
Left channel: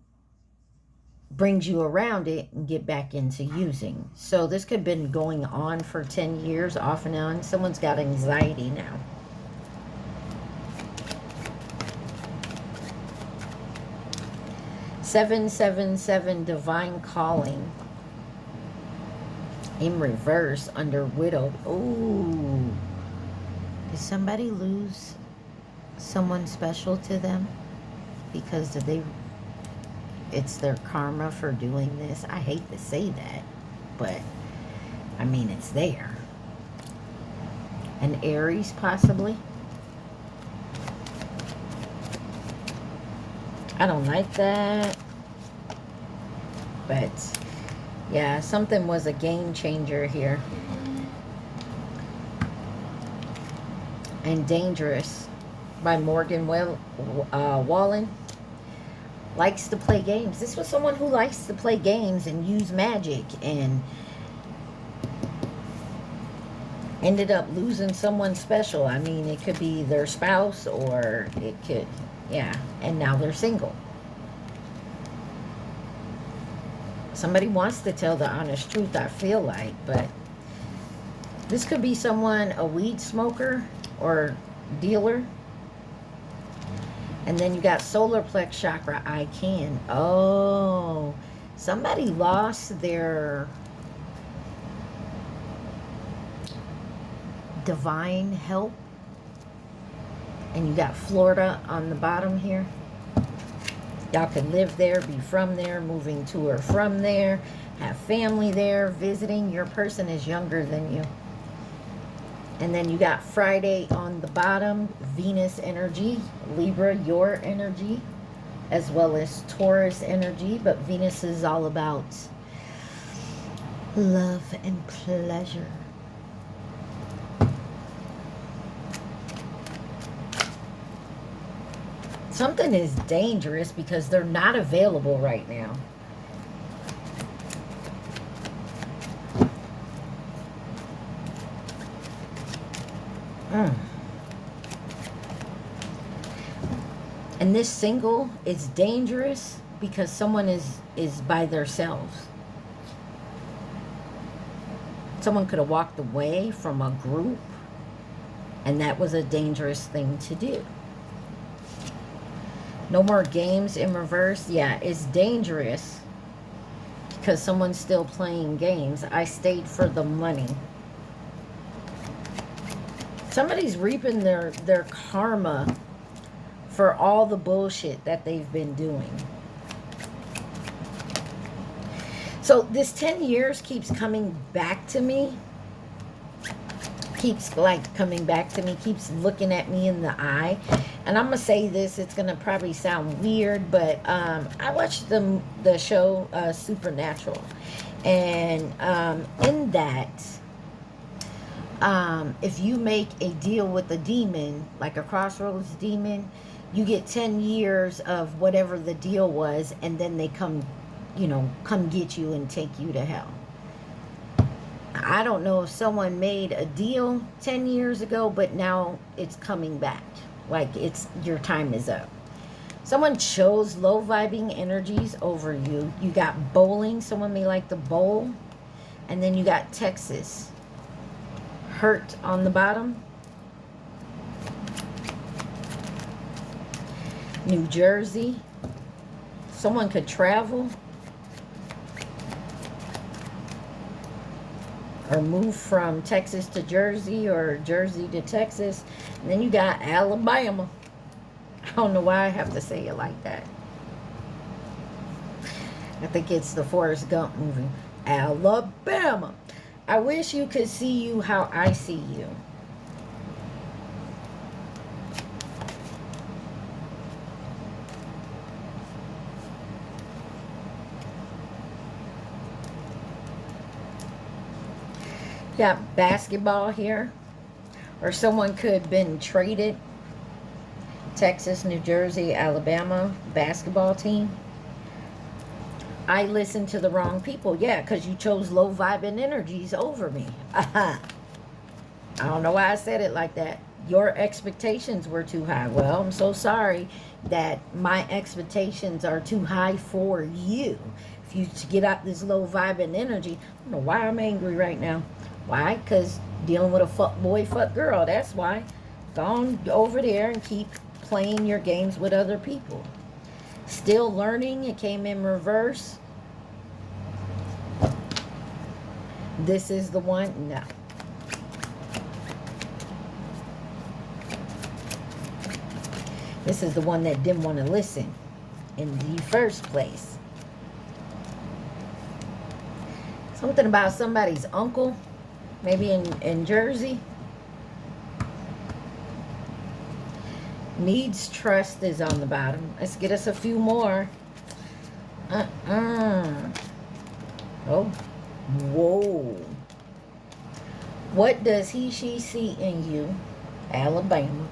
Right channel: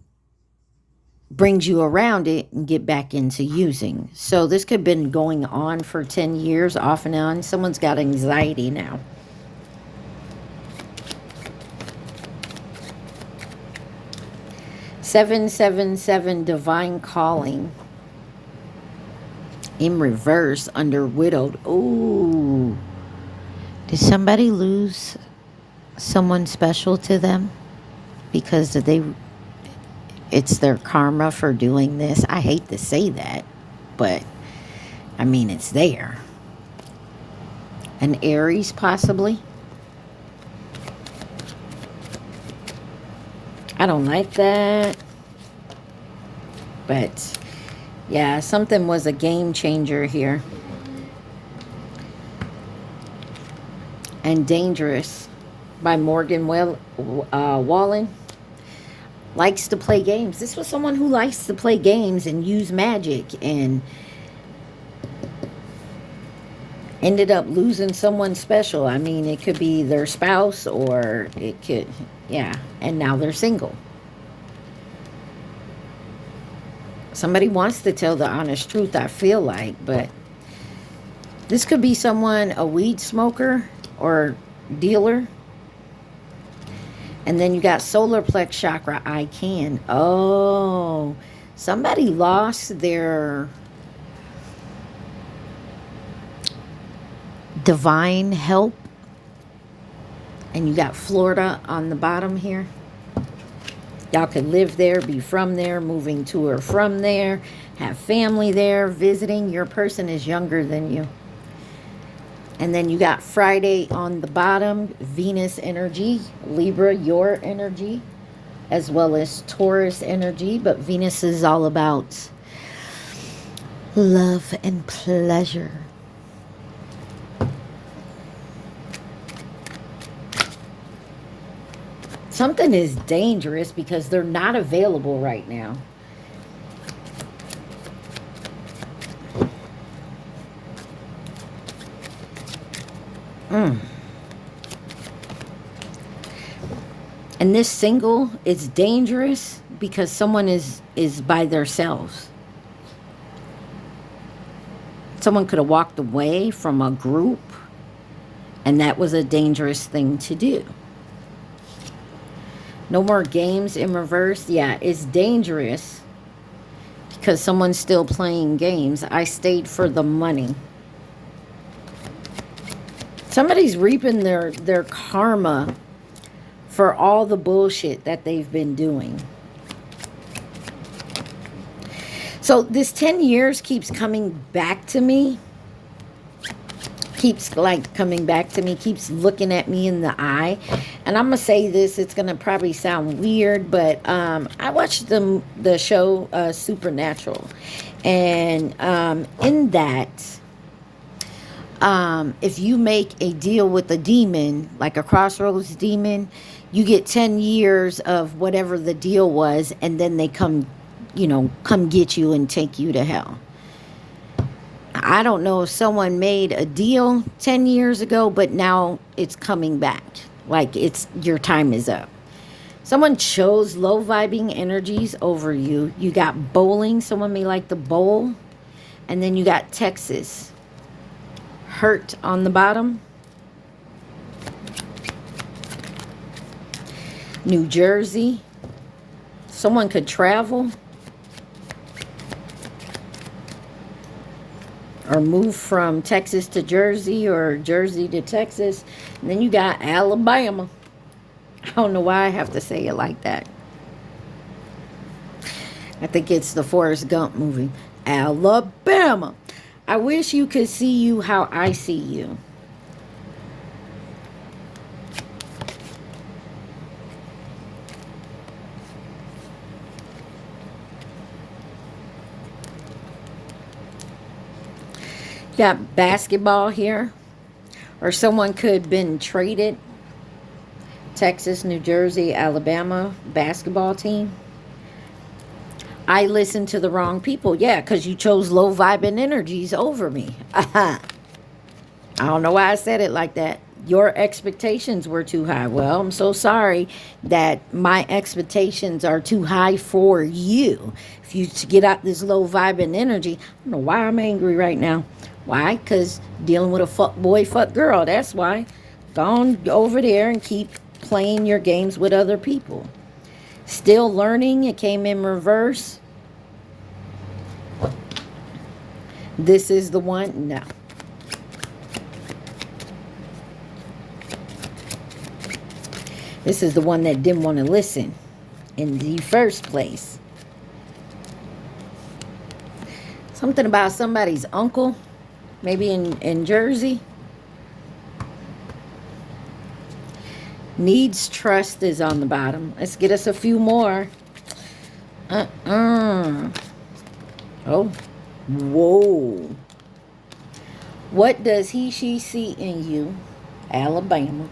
brings you around it and get back into using. So this could have been going on for 10 years off and on. Someone's got anxiety now. $777 divine calling in reverse under widowed. Oh, did somebody lose someone special to them because it's their karma for doing this? I hate to say that, but I mean, it's there. An Aries, possibly. I don't like that. But, yeah, something was a game changer here. And Dangerous by Morgan Wallen. likes to play games. This was someone who likes to play games and use magic and ended up losing someone special. I mean, it could be their spouse or it could, yeah, and now they're single. Somebody wants to tell the honest truth, I feel like, but this could be someone, a weed smoker or dealer. And then you got solar plex chakra, I can. Oh, somebody lost their divine help. And you got Florida on the bottom here. Y'all could live there, be from there, moving to or from there, have family there, visiting. Your person is younger than you. And then you got Friday on the bottom, Venus energy, Libra, your energy, as well as Taurus energy. But Venus is all about love and pleasure. Something is dangerous because they're not available right now. And this single is dangerous because someone is by themselves. Someone could have walked away from a group, and that was a dangerous thing to do. No more games in reverse. Yeah, it's dangerous because someone's still playing games. I stayed for the money. Somebody's reaping their karma for all the bullshit that they've been doing. So this 10 years keeps coming back to me. Keeps like coming back to me. Keeps looking at me in the eye. And I'm going to say this. It's going to probably sound weird. But I watched the show Supernatural. And in that, if you make a deal with a demon, like a crossroads demon, you get 10 years of whatever the deal was, and then they come, you know, come get you and take you to hell. I don't know if someone made a deal 10 years ago, but now it's coming back. Like it's, your time is up. Someone chose low vibing energies over you. You got bowling. Someone may like the bowl. And then you got Texas. Hurt on the bottom. New Jersey. Someone could travel or move from Texas to Jersey or Jersey to Texas. And then you got Alabama. I don't know why I have to say it like that. I think it's the Forrest Gump movie. Alabama. I wish you could see you how I see you. Got basketball here. Or someone could have been traded. Texas, New Jersey, Alabama basketball team. I listened to the wrong people. Yeah, because you chose low vibing energies over me. I don't know why I said it like that. Your expectations were too high. Well, I'm so sorry that my expectations are too high for you. If you get out this low vibing energy, I don't know why I'm angry right now. Why? Because dealing with a fuck boy, fuck girl. That's why. Go on over there and keep playing your games with other people. Still learning. It came in reverse. This is the one. No. This is the one that didn't want to listen in the first place. Something about somebody's uncle. Maybe in Jersey. Needs trust is on the bottom. Let's get us a few more. Oh. Whoa. What does he, she see in you? Alabama.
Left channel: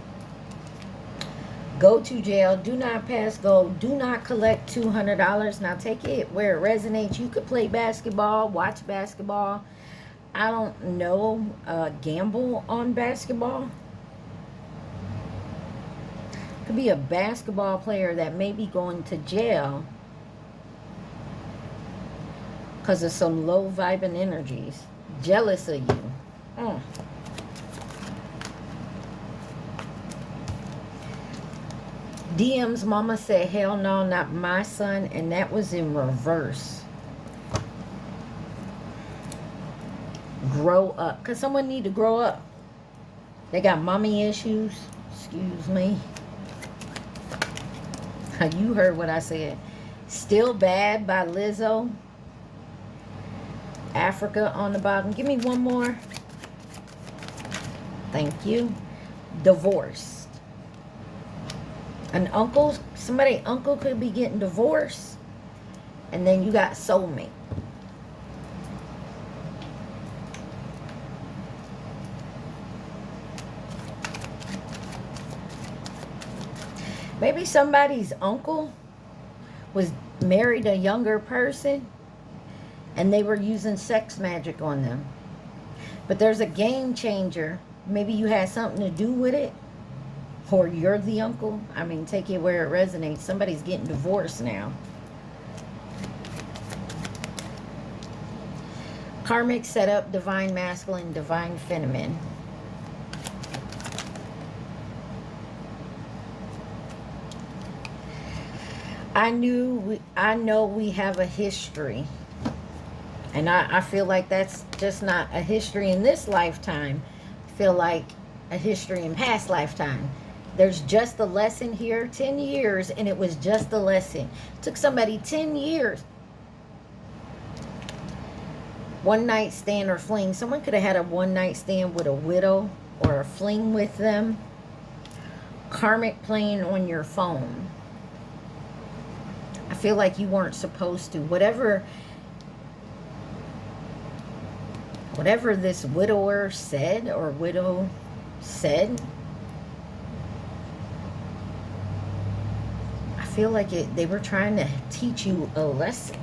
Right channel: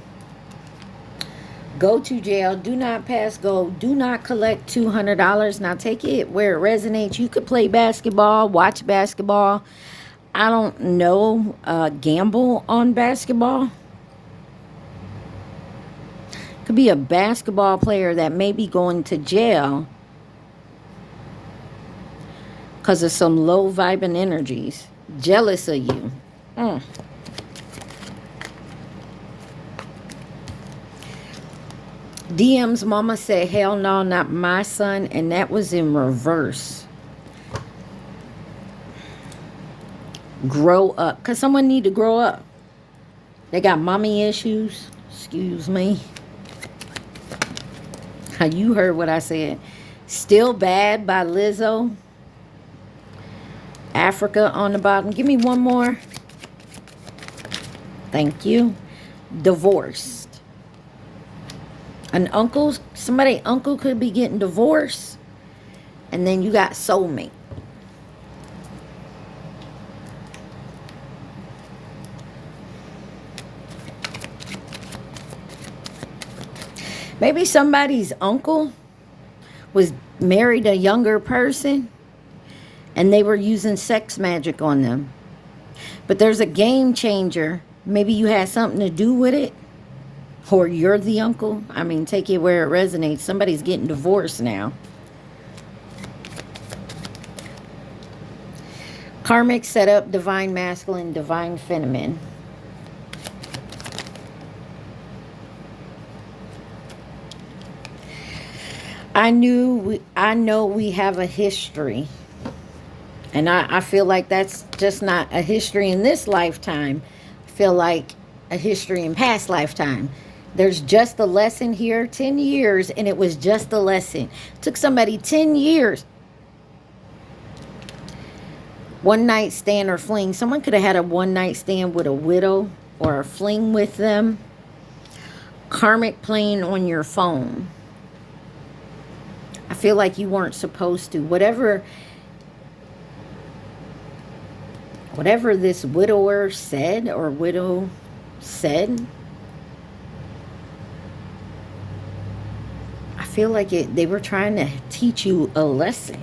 Go to jail. Do not pass go. Do not collect $200. Now take it where it resonates. You could play basketball, watch basketball. I don't know, gamble on basketball. Could be a basketball player that may be going to jail because of some low vibing energies. Jealous of you. DM's mama said, hell no, not my son. And that was in reverse. Grow up. Because someone need to grow up. They got mommy issues. Excuse me. You heard what I said. Still Bad by Lizzo. Africa on the bottom. Give me one more. Thank you. Divorced. An uncle, somebody uncle could be getting divorced. And then you got soulmate. Maybe somebody's uncle was married a younger person and they were using sex magic on them. But there's a game changer. Maybe you had something to do with it. Or you're the uncle. I mean, take it where it resonates. Somebody's getting divorced now. Karmic setup, divine masculine, divine feminine. I know we have a history. And I feel like that's just not a history in this lifetime. I feel like a history in past lifetime. There's just a lesson here. 10 years and it was just a lesson. It took somebody 10 years. One night stand or fling. Someone could have had a one night stand with a widow or a fling with them. Karmic playing on your phone. I feel like you weren't supposed to. Whatever this widower said or widow said, I feel like they were trying to teach you a lesson.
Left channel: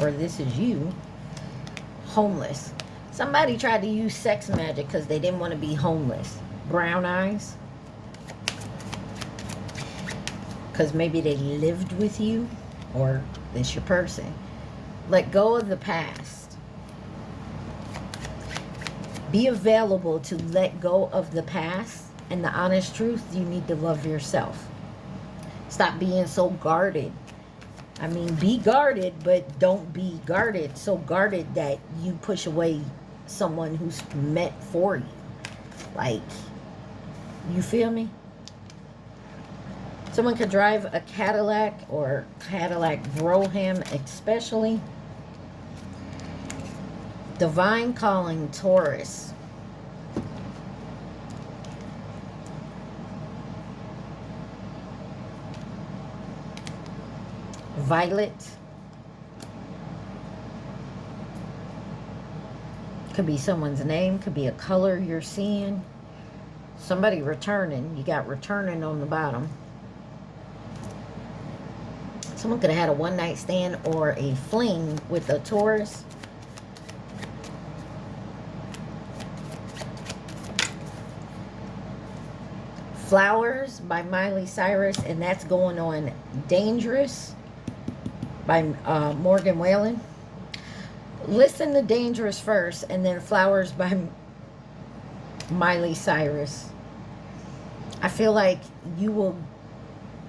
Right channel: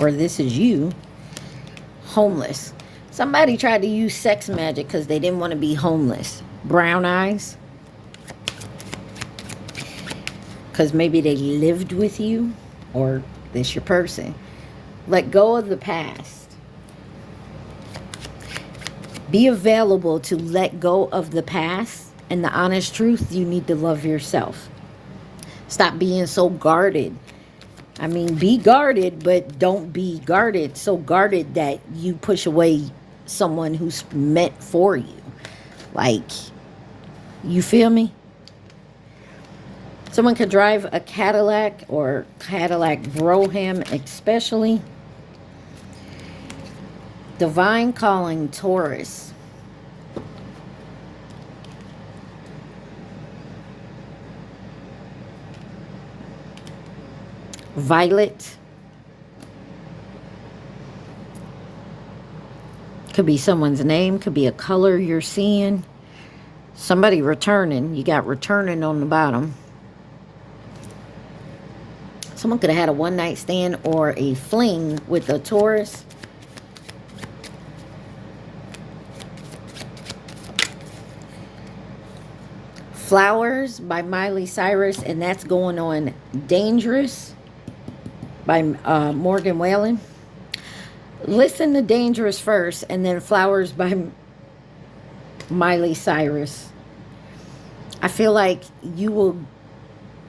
Or this is you, homeless. Somebody tried to use sex magic because they didn't want to be homeless. Brown eyes. Because maybe they lived with you or this your person. Let go of the past. Be available to let go of the past. And the honest truth, you need to love yourself. Stop being so guarded. I mean, be guarded, but don't be guarded. So guarded that you push away someone who's meant for you. Like, you feel me? Someone could drive a Cadillac or Cadillac Brougham especially. Divine calling, Taurus. Violet. Could be someone's name. Could be a color you're seeing. Somebody returning. You got returning on the bottom. Someone could have had a one night stand or a fling with a Taurus. Flowers by Miley Cyrus, and that's going on Dangerous by Morgan Wallen. Listen to Dangerous first, and then Flowers by Miley Cyrus. I feel like you will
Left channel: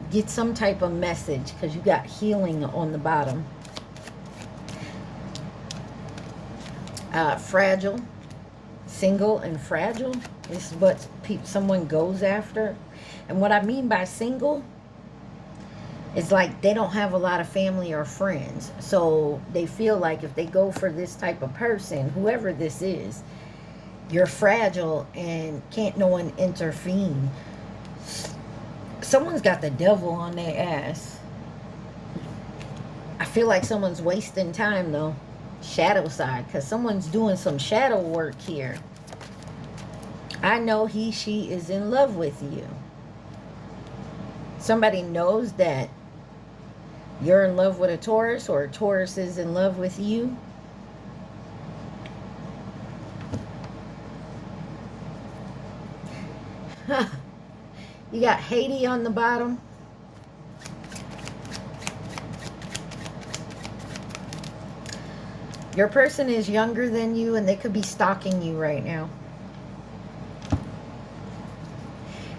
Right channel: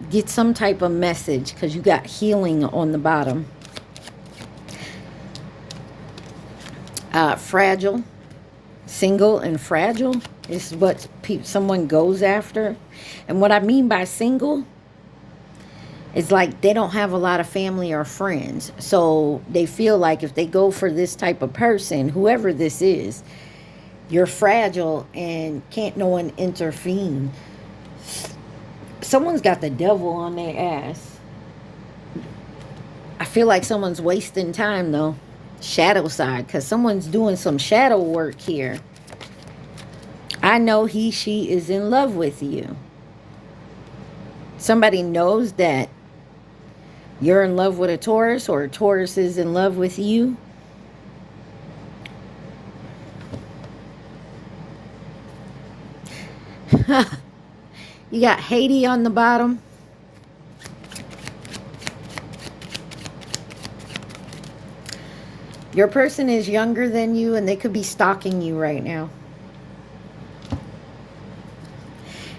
get some type of message because you got healing on the bottom. Fragile. Single and fragile is what someone goes after. And what I mean by single is like they don't have a lot of family or friends. So they feel like if they go for this type of person, whoever this is, you're fragile and can't no one intervene. Someone's got the devil on their ass. I feel like someone's wasting time though. Shadow side, because someone's doing some shadow work here. I know he, she is in love with you. Somebody knows that you're in love with a Taurus, or a Taurus is in love with you. You got Haiti on the bottom. Your person is younger than you, and they could be stalking you right now.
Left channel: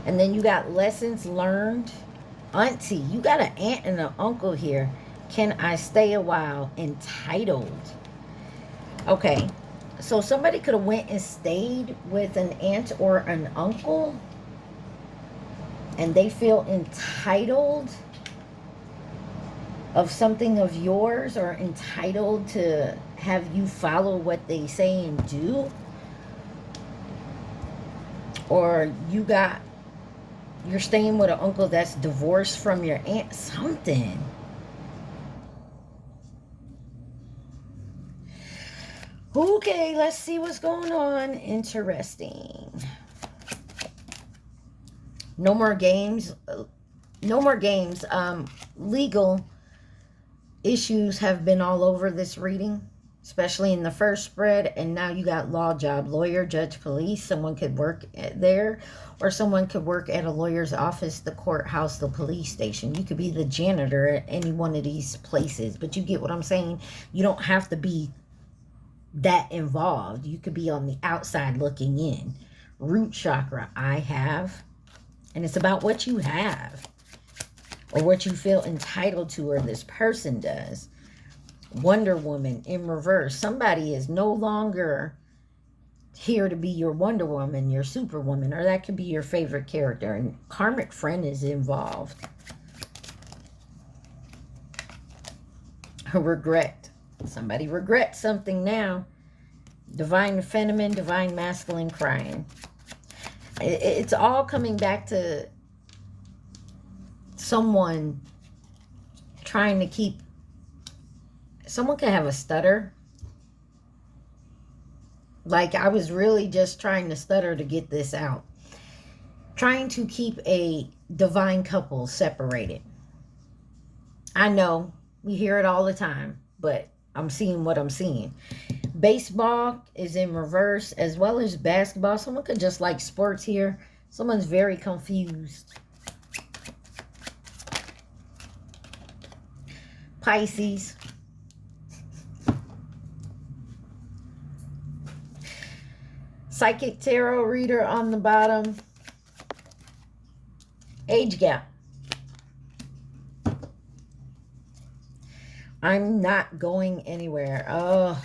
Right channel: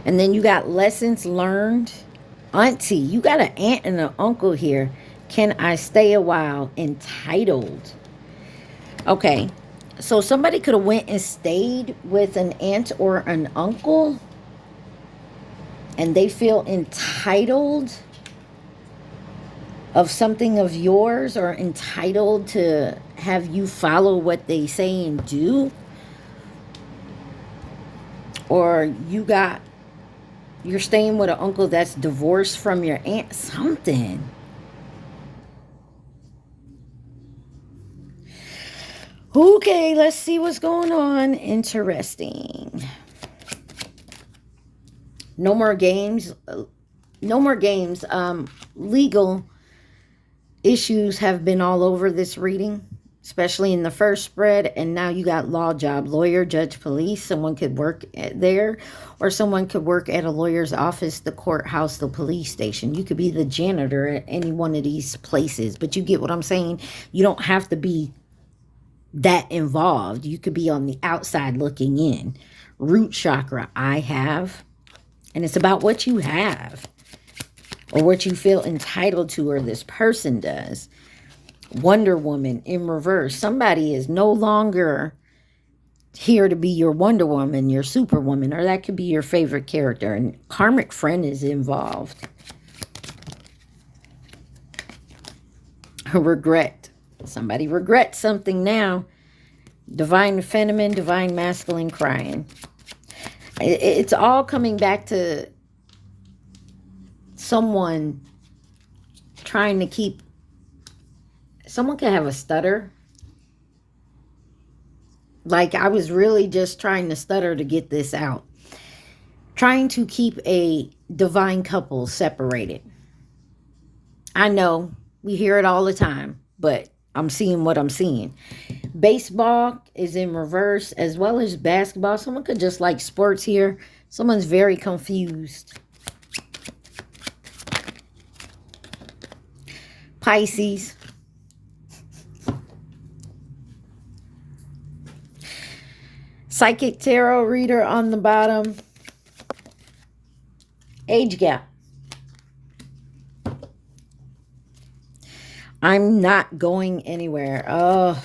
And then you got lessons learned. Auntie, you got an aunt and an uncle here. Can I stay a while? Entitled. Okay, so somebody could have went and stayed with an aunt or an uncle, and they feel entitled of something of yours, or entitled to have you follow what they say and do. Or you're staying with an uncle that's divorced from your aunt. Something. Okay, let's see what's going on. Interesting. No more games. No more games. Legal issues have been all over this reading, especially in the first spread. And now you got law job, lawyer, judge, police. Someone could work there, or someone could work at a lawyer's office, the courthouse, the police station. You could be the janitor at any one of these places. But you get what I'm saying? You don't have to be that involved. You could be on the outside looking in. Root chakra, I have. And it's about what you have, or what you feel entitled to, or this person does. Wonder Woman in reverse. Somebody is no longer here to be your Wonder Woman, your Superwoman, or that could be your favorite character. And karmic friend is involved. Regret. Somebody regrets something now. Divine feminine, divine masculine crying. It's all coming back to someone trying to keep... Someone can have a stutter. Like, I was really just trying to stutter to get this out. Trying to keep a divine couple separated. I know, we hear it all the time, but I'm seeing what I'm seeing. Baseball is in reverse, as well as basketball. Someone could just like sports here. Someone's very confused. Pisces. Psychic tarot reader on the bottom. Age gap. I'm not going anywhere. Oh,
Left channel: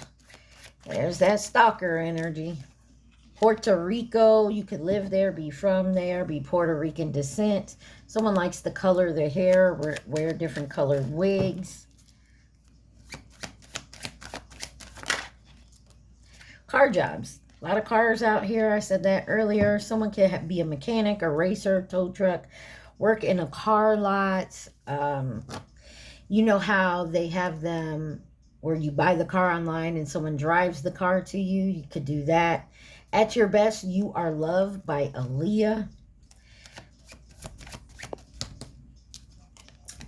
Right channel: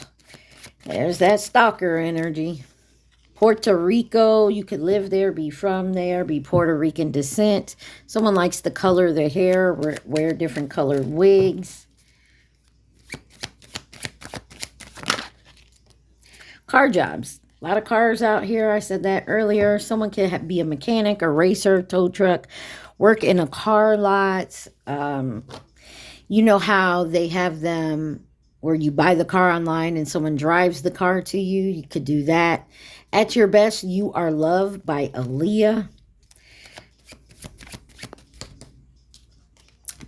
there's that stalker energy. Puerto Rico, you could live there, be from there, be Puerto Rican descent. Someone likes to color their hair, wear different colored wigs. Car jobs. A lot of cars out here. I said that earlier. Someone could be a mechanic, a racer, tow truck, work in a car lot. You know how they have them where you buy the car online and someone drives the car to you? You could do that. At Your Best, You Are Loved by Aaliyah.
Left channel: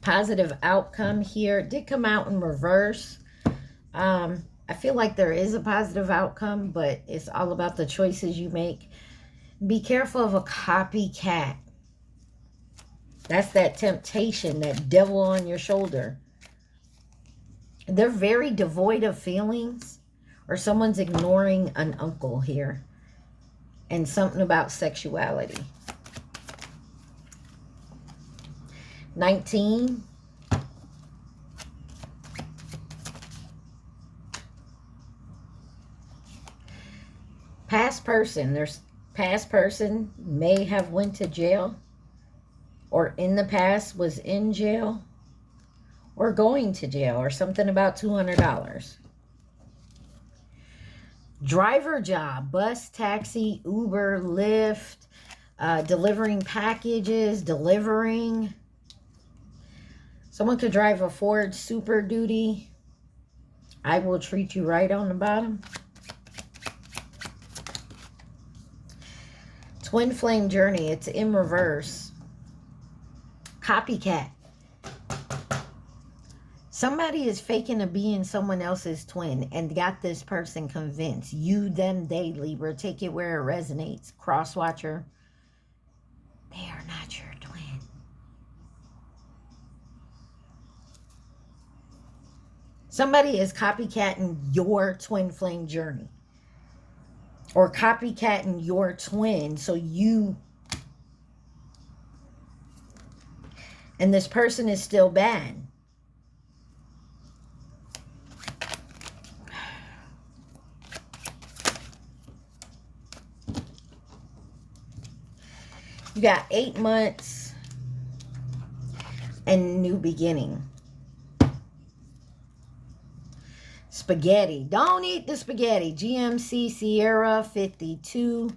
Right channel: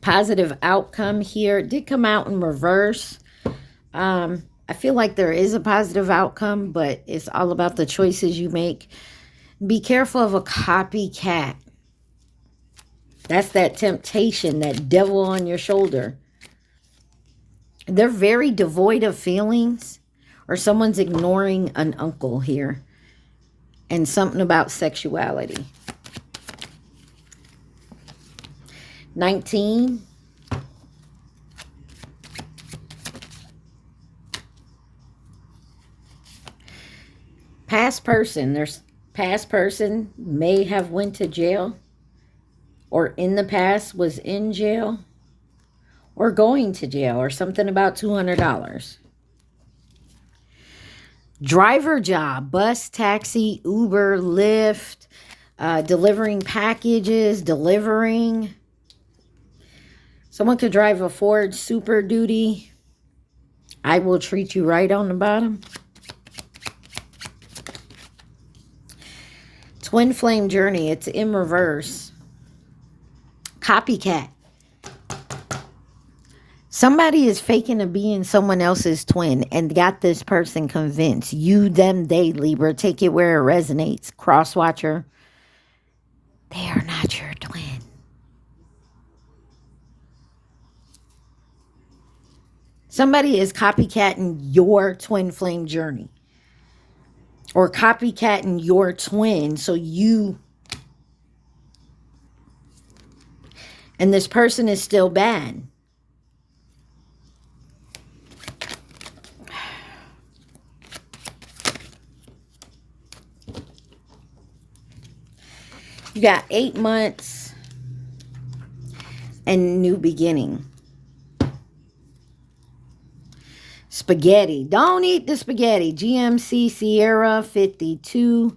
Positive outcome here. It did come out in reverse. I feel like there is a positive outcome, but it's all about the choices you make. Be careful of a copycat. That's that temptation, that devil on your shoulder. They're very devoid of feelings, or someone's ignoring an uncle here. And something about sexuality. 19. Past person. There's past person may have went to jail, or in the past was in jail, or going to jail, or something about $200. Driver job, bus, taxi, Uber, Lyft, delivering packages, delivering. Someone could drive a Ford Super Duty. I Will Treat You Right on the bottom. Twin flame journey. It's in reverse. Copycat. Somebody is faking to being someone else's twin and got this person convinced. You, them, they, Libra. Take it where it resonates. Cross watcher. They are not your twin. Somebody is copycatting your twin flame journey. Or copycatting your twin so you... And this person is still bad. You got 8 months and new beginning. Spaghetti. Don't eat the spaghetti. GMC Sierra 52.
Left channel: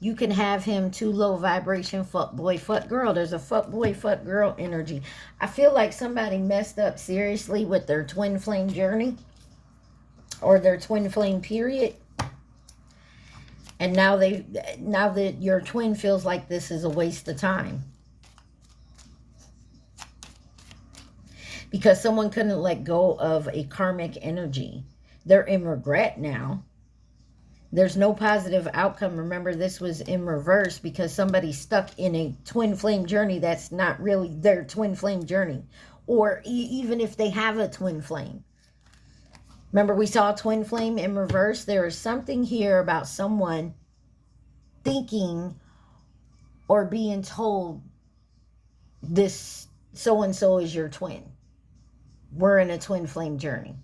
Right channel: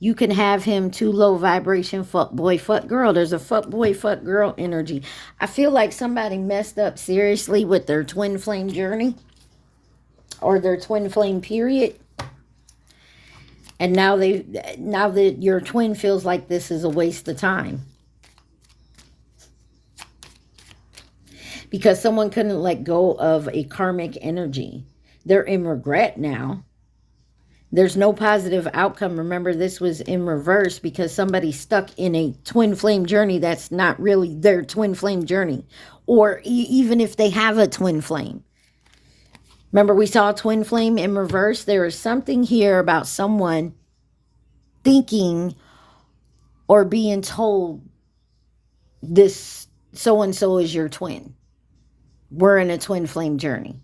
You can have him too low vibration. Fuck boy, fuck girl. There's a fuck boy, fuck girl energy. I feel like somebody messed up seriously with their twin flame journey. Or their twin flame period. And now that your twin feels like this is a waste of time. Because someone couldn't let go of a karmic energy. They're in regret now. There's no positive outcome. Remember, this was in reverse because somebody's stuck in a twin flame journey that's not really their twin flame journey. Or even if they have a twin flame. Remember, we saw twin flame in reverse. There is something here about someone thinking or being told this so-and-so is your twin. We're in a twin flame journey.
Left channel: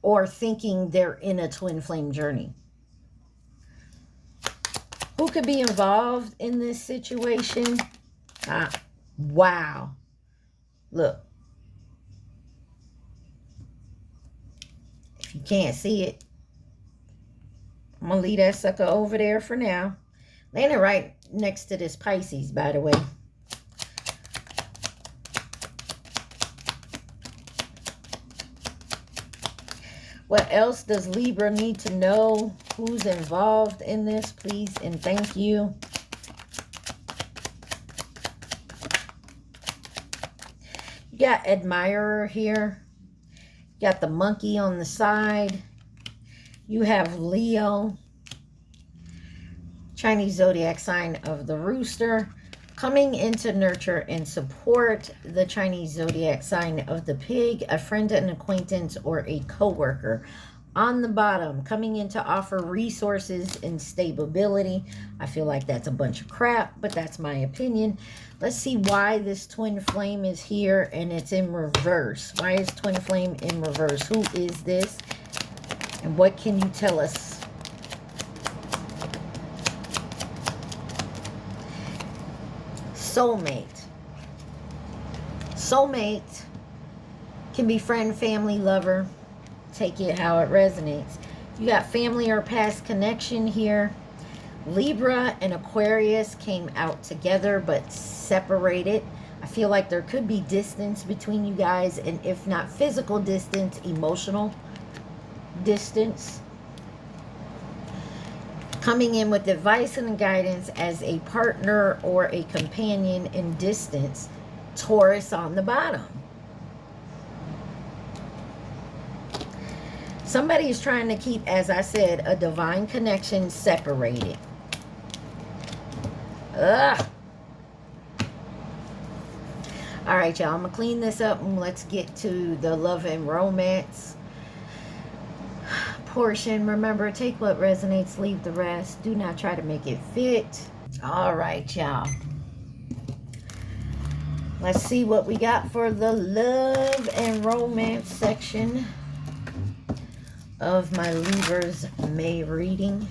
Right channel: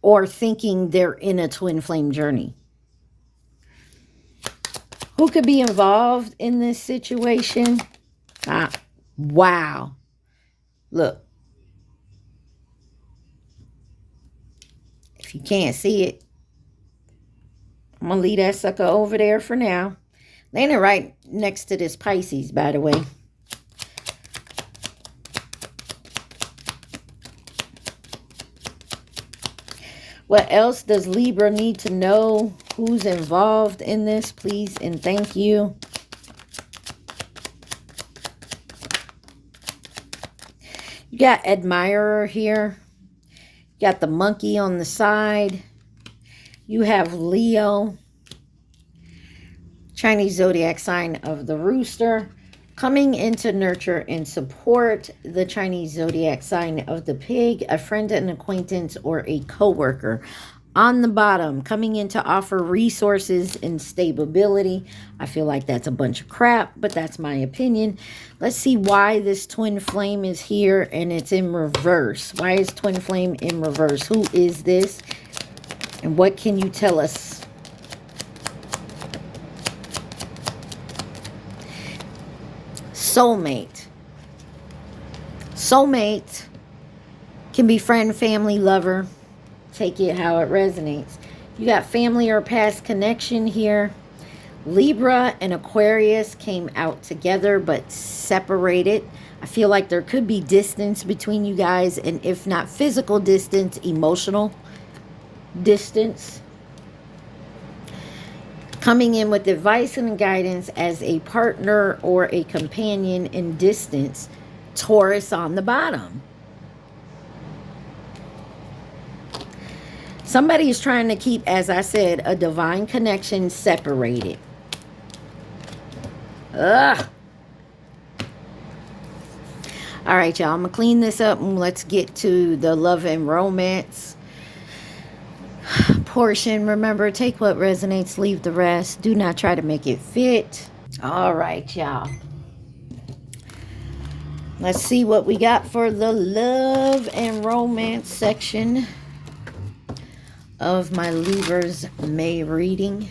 Or thinking they're in a twin flame journey. Who could be involved in this situation? Wow. Look. If you can't see it, I'm going to leave that sucker over there for now. Landing right next to this Pisces, by the way. What else does Libra need to know? Who's involved in this, please and thank you. You got admirer here. You got the monkey on the side. You have Leo, Chinese zodiac sign of the rooster, coming in to nurture and support the Chinese zodiac sign of the pig, a friend, an acquaintance, or a co-worker. On the bottom, coming in to offer resources and stability. I feel like that's a bunch of crap, but that's my opinion. Let's see why this twin flame is here and it's in reverse. Why is twin flame in reverse? Who is this? And what can you tell us? Soulmate. Soulmate can be friend, family, lover. Take it how it resonates. You got family or past connection here. Libra and Aquarius came out together but separated. I feel like there could be distance between you guys, and if not physical distance, emotional distance. Coming in with advice and guidance as a partner or a companion in distance. Taurus on the bottom. Somebody is trying to keep, as I said, a divine connection separated. Ugh. All right, y'all. I'm going to clean this up and let's get to the love and romance portion. Remember, take what resonates, leave the rest. Do not try to make it fit. All right, y'all. Let's see what we got for the love and romance section of my Libra's May reading.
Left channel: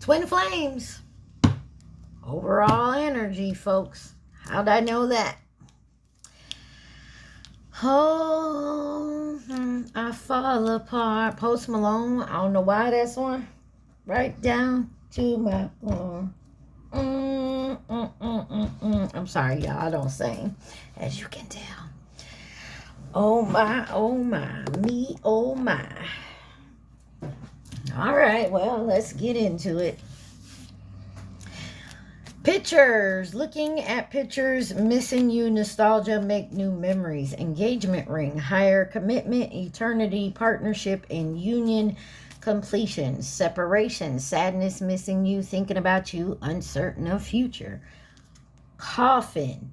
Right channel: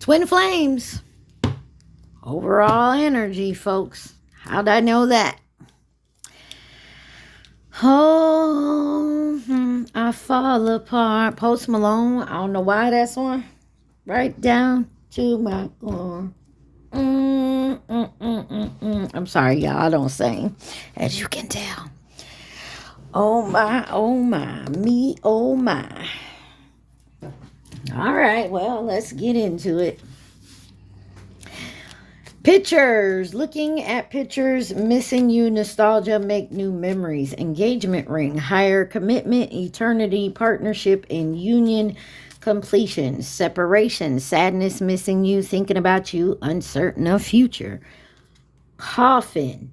Twin flames. Overall energy, folks. How'd I know that? Oh, I fall apart. Post Malone. I don't know why that's on. Right down to my core. I'm sorry, y'all. I don't sing, as you can tell. Oh my, me, oh my. All right, well, let's get into it. Pictures. Looking at pictures. Missing you. Nostalgia. Make new memories. Engagement ring. Higher commitment. Eternity. Partnership and union. Completion. Separation. Sadness. Missing you. Thinking about you. Uncertain of future. Coffin.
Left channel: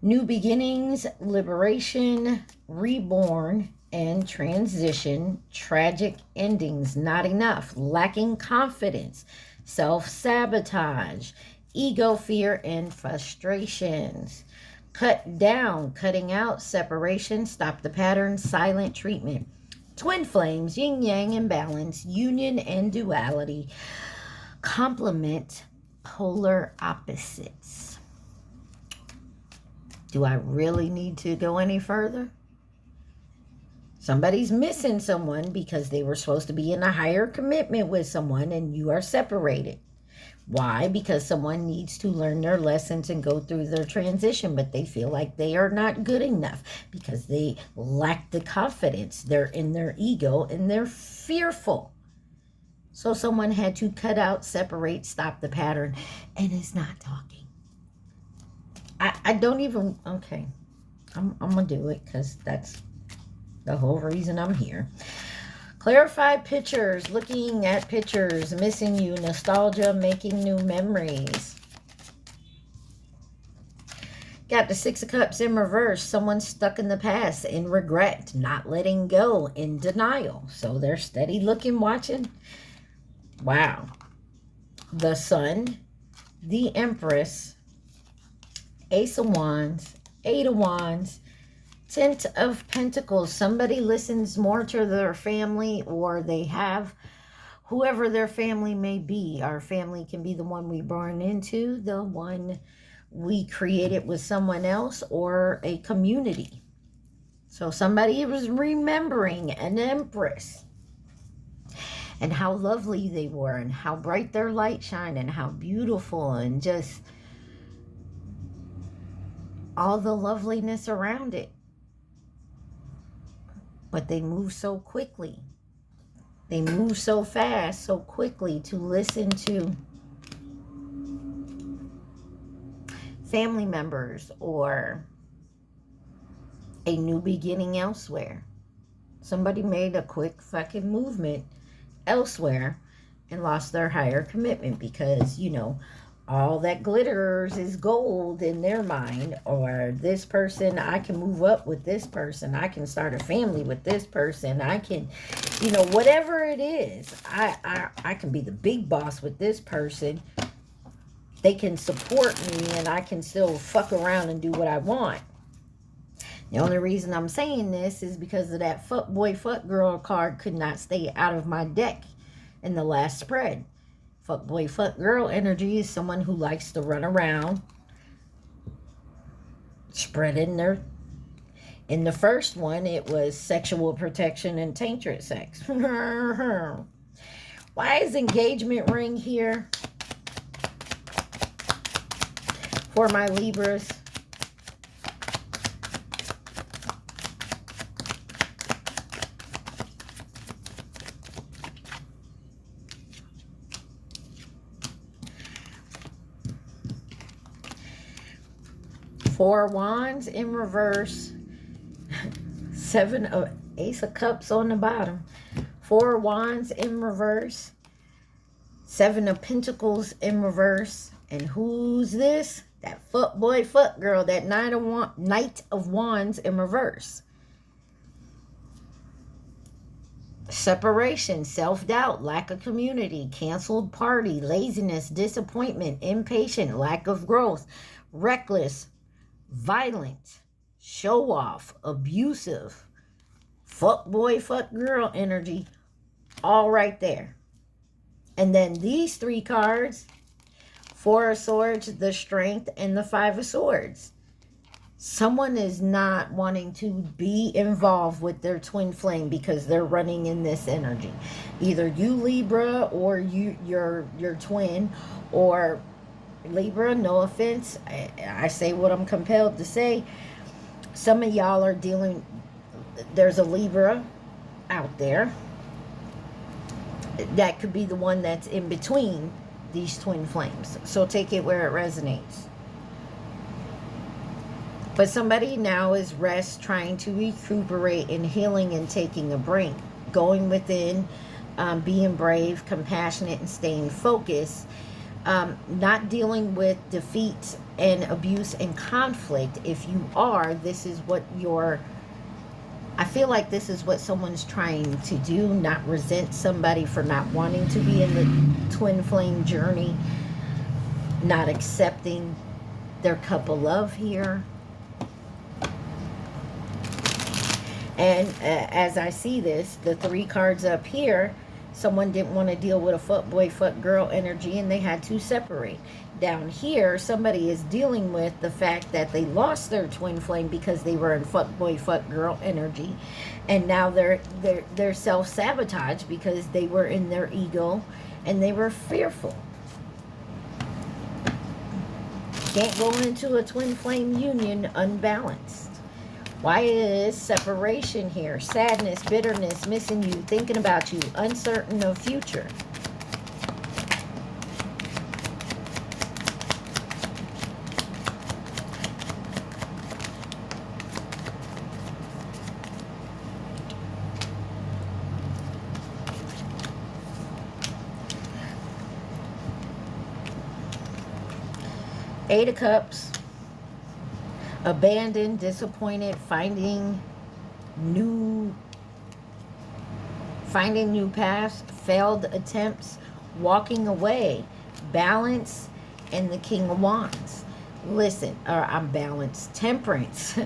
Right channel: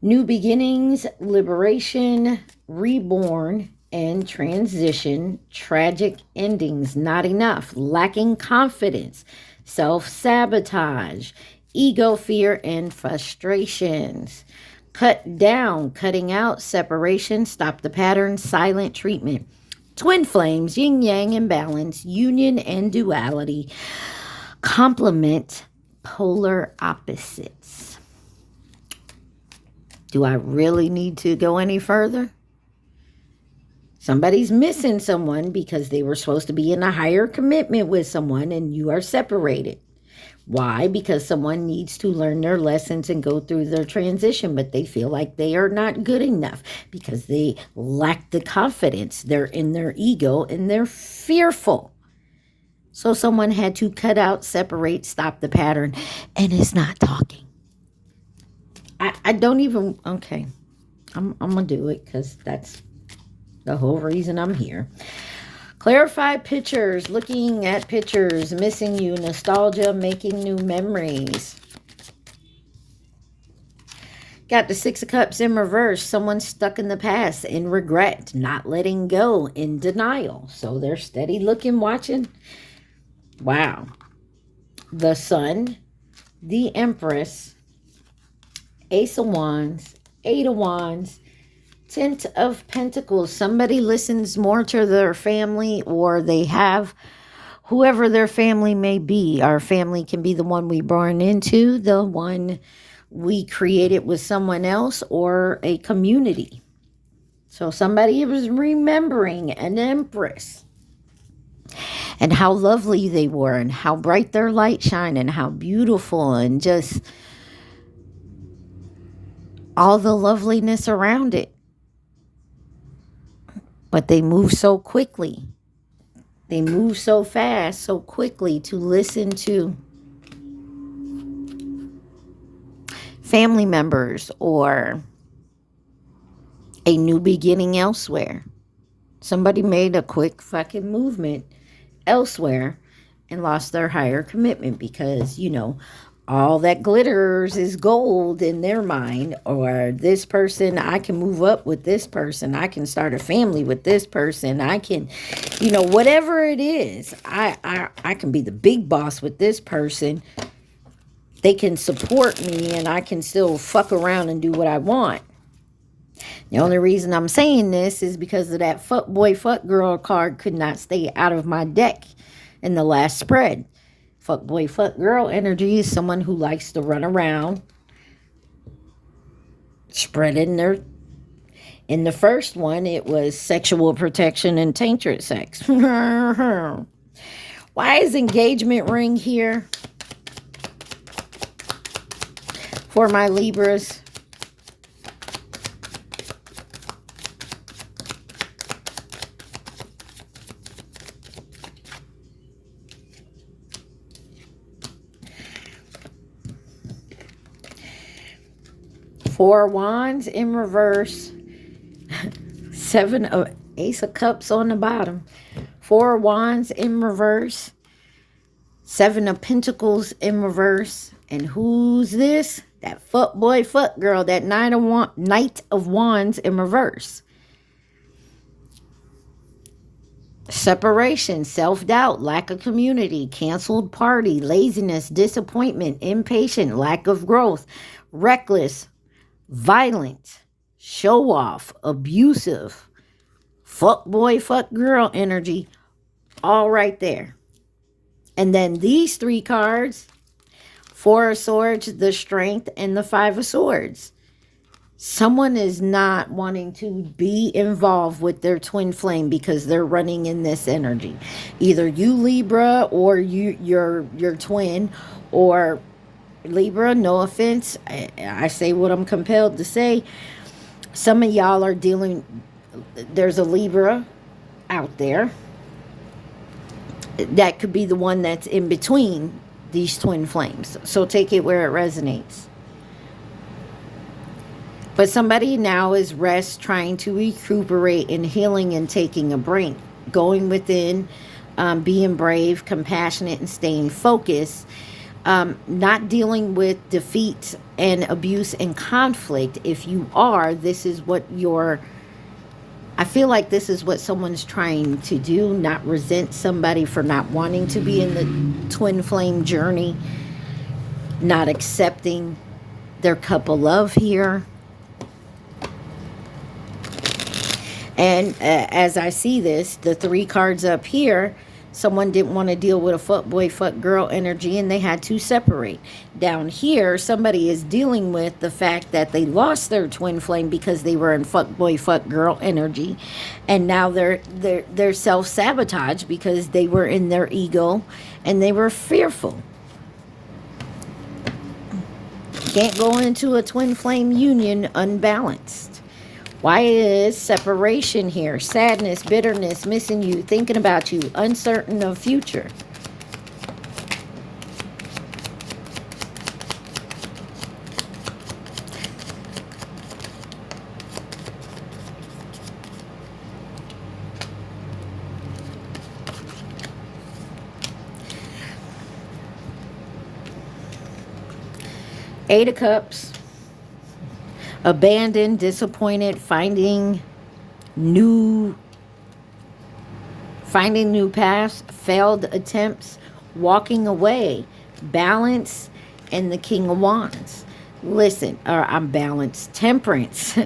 New beginnings. Liberation. Reborn. And transition. Tragic endings. Not enough. Lacking confidence. Self-sabotage. Ego, fear, and frustrations. Cut down, cutting out, separation, stop the pattern, silent treatment. Twin flames, yin yang imbalance, union and duality. Complement, polar opposites. Do I really need to go any further? Somebody's missing someone because they were supposed to be in a higher commitment with someone and you are separated. Why? Because someone needs to learn their lessons and go through their transition, but they feel like they are not good enough because they lack the confidence. They're in their ego and they're fearful. So someone had to cut out, separate, stop the pattern, and it's not talking. I don't even, okay, I'm going to do it because that's the whole reason I'm here. Clarify pictures. Looking at pictures. Missing you. Nostalgia. Making new memories. Got the Six of Cups in reverse. Someone stuck in the past in regret. Not letting go. In denial. So they're steady looking, watching. Wow. The Sun. The Empress. Ace of Wands. Eight of Wands. Ten of Pentacles. Somebody listens more to their family, or they have whoever their family may be. Our family can be the one we born into, the one we created with someone else, or a community. So somebody was remembering an Empress and how lovely they were and how bright their light shined and how beautiful and just all the loveliness around it. But they move so quickly. They move so fast, so quickly to listen to family members or a new beginning elsewhere. Somebody made a quick fucking movement elsewhere and lost their higher commitment because, you know, all that glitters is gold in their mind. Or this person, I can move up with this person. I can start a family with this person. I can, you know, whatever it is, I can be the big boss with this person. They can support me and I can still fuck around and do what I want. The only reason I'm saying this is because of that fuck boy, fuck girl card could not stay out of my deck in the last spread. Fuck boy, fuck girl energy is someone who likes to run around, spreading their... In the first one, it was sexual protection and tainted sex. Why is engagement ring here for my Libras? Four Wands in reverse. Ace of Cups on the bottom. Four Wands in reverse. Seven of Pentacles in reverse. And who's this? That fuck boy, fuck girl. That Knight of Wands in reverse. Separation, self-doubt, lack of community, canceled party, laziness, disappointment, impatient, lack of growth, reckless, violent, show off, abusive, fuck boy, fuck girl energy, all right there. And then these three cards, Four of Swords, the Strength, and the Five of Swords. Someone is not wanting to be involved with their twin flame because they're running in this energy. Either you, Libra, or your twin, or Libra, no offense. I say what I'm compelled to say. Some of y'all are dealing, there's a Libra out there that could be the one that's in between these twin flames. So take it where it resonates. But somebody now is rest, trying to recuperate and healing and taking a break. Going within, being brave, compassionate, and staying focused. Not dealing with defeat and abuse and conflict. If you are, this is what I feel like this is what someone's trying to do. Not resent somebody for not wanting to be in the twin flame journey. Not accepting their cup of love here. And as I see this, the 3 cards up here, someone didn't want to deal with a fuckboy, fuck girl energy, and they had to separate. Down here, somebody is dealing with the fact that they lost their twin flame because they were in fuckboy, fuck girl energy, and now they're self-sabotage because they were in their ego and they were fearful. Can't go into a twin flame union unbalanced. Why is separation here? Sadness, bitterness, missing you, thinking about you, uncertain of future. Eight of Cups. Abandoned, disappointed, finding new paths, failed attempts, walking away, balance, and the King of Wands. Listen, I'm balanced, temperance.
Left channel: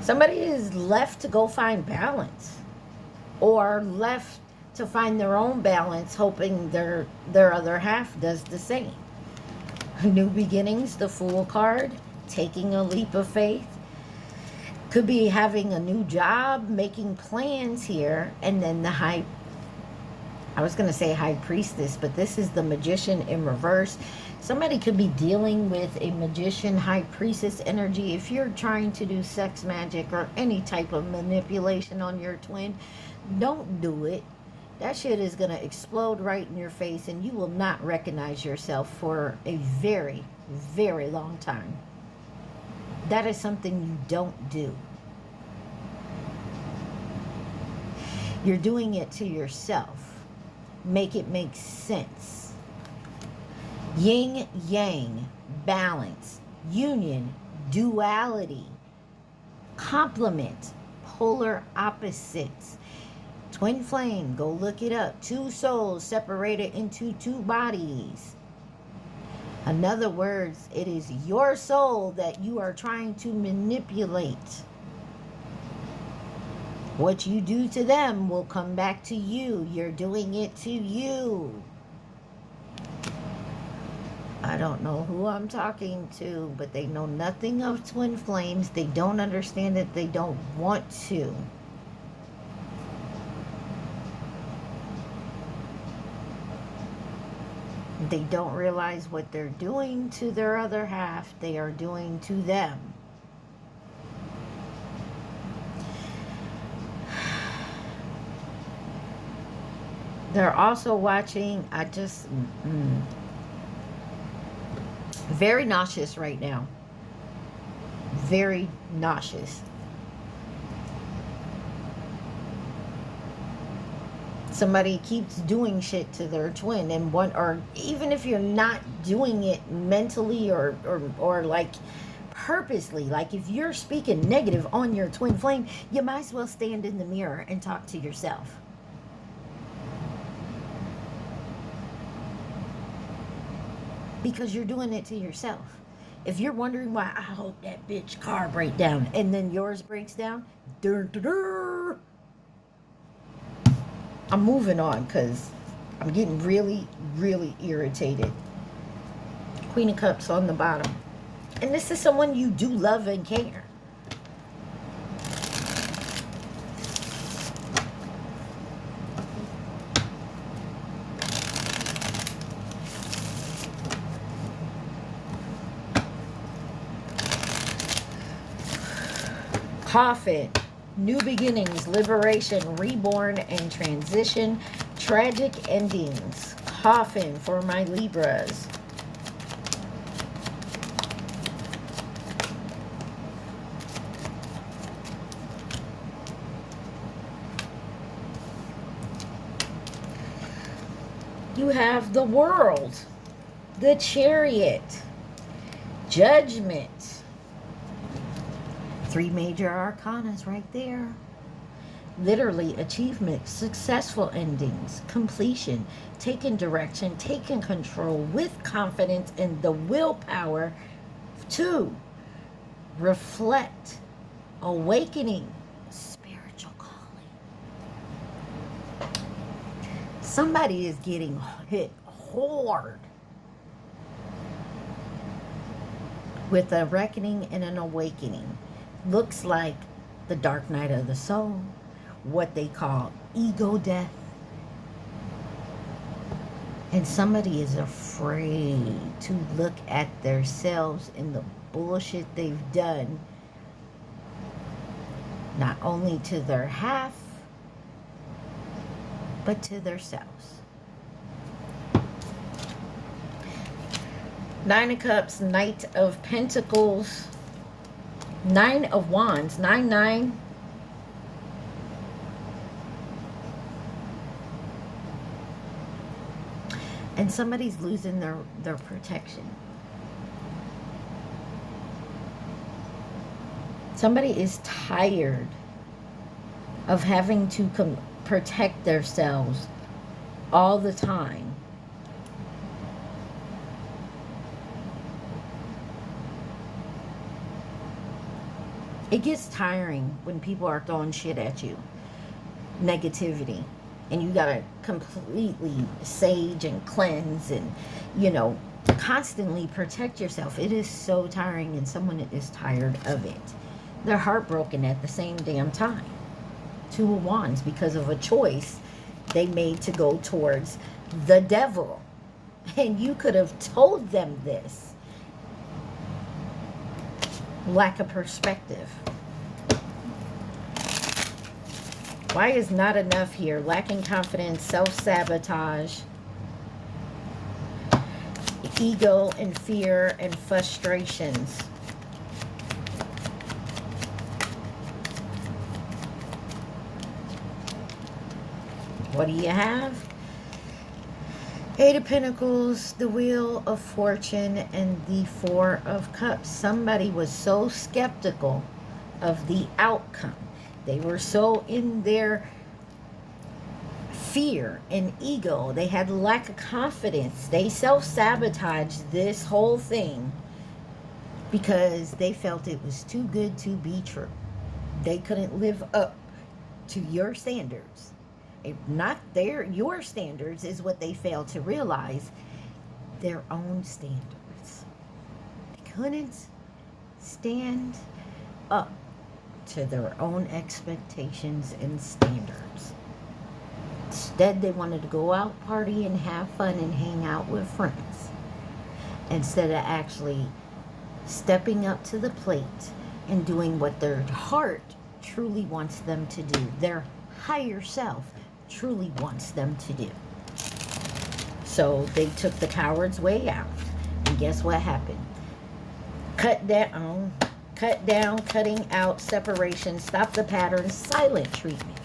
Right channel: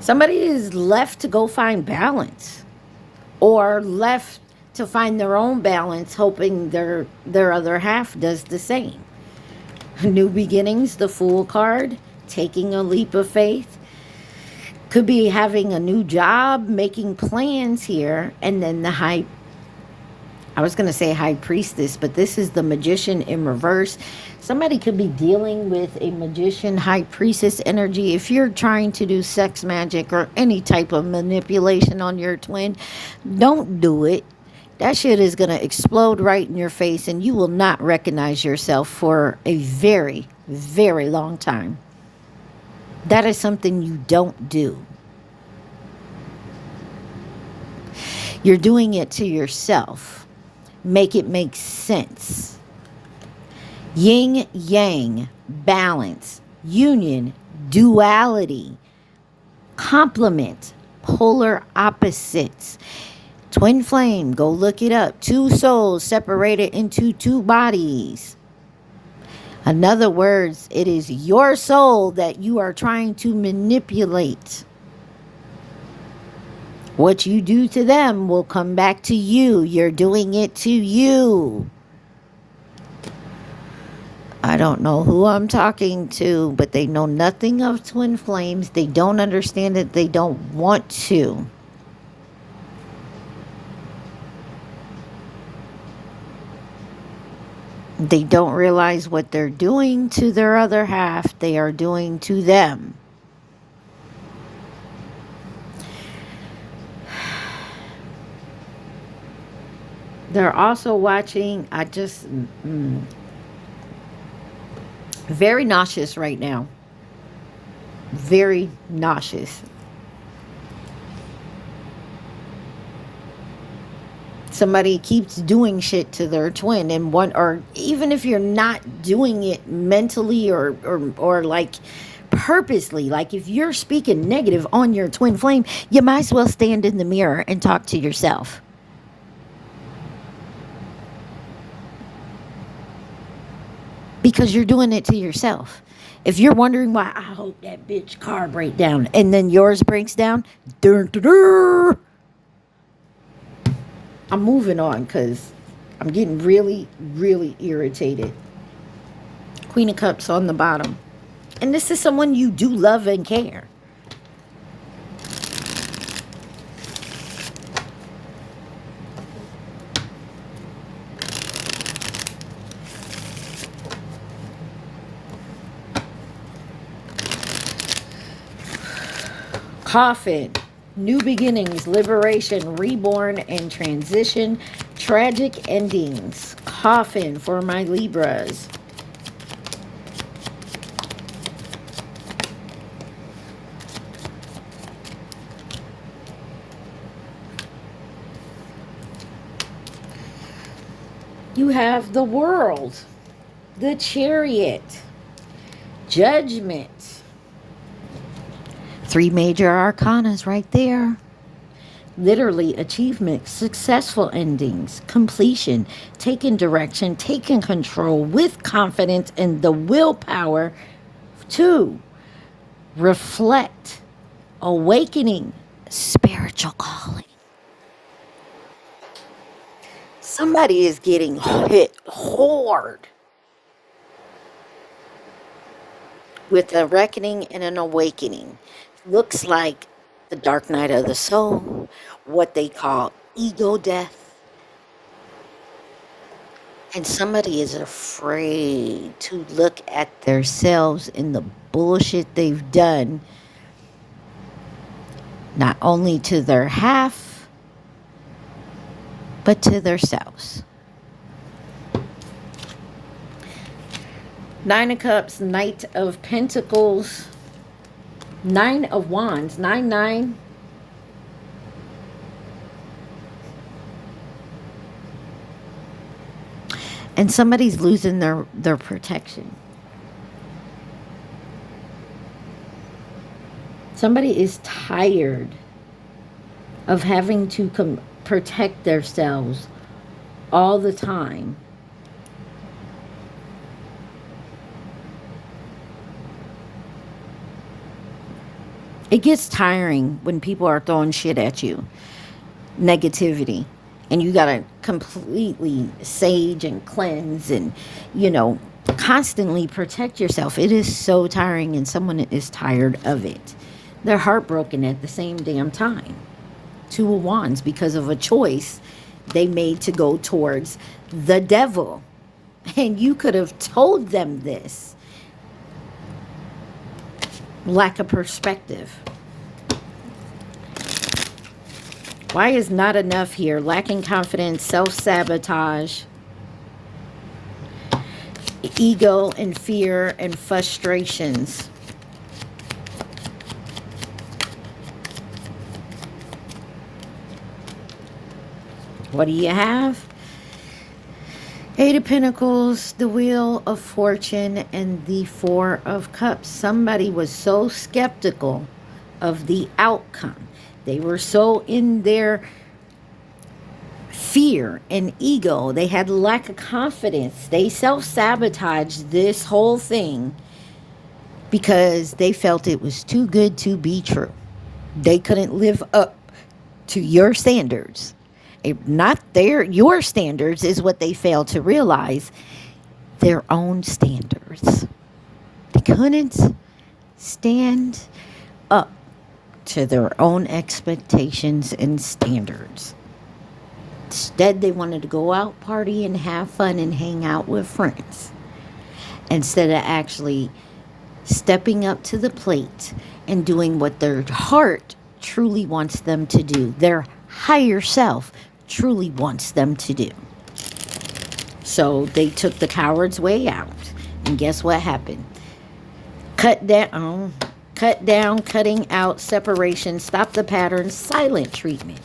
Somebody is left to go find balance, or left to find their own balance, hoping their other half does the same. New beginnings, the Fool card. Taking a leap of faith. Could be having a new job, making plans here. And then the High Priestess, but this is the Magician in reverse. Somebody could be dealing with a Magician, High Priestess energy. If you're trying to do sex magic or any type of manipulation on your twin, don't do it. That shit is going to explode right in your face, and you will not recognize yourself for a very, very long time. That is something you don't do. You're doing it to yourself. Make it make sense. Yin, yang, balance, union, duality, complement, polar opposites. Twin flame, go look it up. 2 souls separated into 2 bodies. In other words, it is your soul that you are trying to manipulate. What you do to them will come back to you. You're doing it to you. I don't know who I'm talking to, but they know nothing of twin flames. They don't understand it. They don't want to. They don't realize what they're doing to their other half, they are doing to them. They're also watching, very nauseous right now. Very nauseous. Somebody keeps doing shit to their twin, and or even if you're not doing it mentally or like purposely, like if you're speaking negative on your twin flame, you might as well stand in the mirror and talk to yourself. Because you're doing it to yourself. If you're wondering why, I hope that bitch car breaks down, and then yours breaks down, I'm moving on because I'm getting really, really irritated. Queen of Cups on the bottom. And this is someone you do love and care. Coffin, new beginnings, liberation, reborn, and transition, tragic endings. Coffin for my Libras. You have the World, the Chariot, Judgment. 3 major arcanas right there. Literally, achievement, successful endings, completion, taking direction, taking control with confidence and the willpower to reflect, awakening, spiritual calling. Somebody is getting hit hard with a reckoning and an awakening. Looks like the dark night of the soul, what they call ego death. And somebody is afraid to look at themselves in the bullshit they've done, not only to their half, but to themselves. 9 of Cups, Knight of Pentacles, 9 of Wands, 9-9. And somebody's losing their protection. Somebody is tired of having to protect themselves all the time. It gets tiring when people are throwing shit at you. Negativity. And you got to completely sage and cleanse and, constantly protect yourself. It is so tiring, and someone is tired of it. They're heartbroken at the same damn time. 2 of Wands, because of a choice they made to go towards the devil. And you could have told them this. Lack of perspective. Why is not enough here? Lacking confidence, self-sabotage, ego and fear and frustrations. What do you have? 8 of Pentacles, the Wheel of Fortune, and the 4 of Cups. Somebody was so skeptical of the outcome. They were so in their fear and ego. They had lack of confidence. They self-sabotaged this whole thing because they felt it was too good to be true. They couldn't live up to your standards. Your standards is what they failed to realize. Their own standards. They couldn't stand up to their own expectations and standards. Instead, they wanted to go out, party, and have fun and hang out with friends, instead of actually stepping up to the plate and doing what their heart truly wants them to do. Their higher self truly wants them to do. So they took the coward's way out. And guess what happened? Cut down, cutting out, separation, stop the pattern, silent treatment.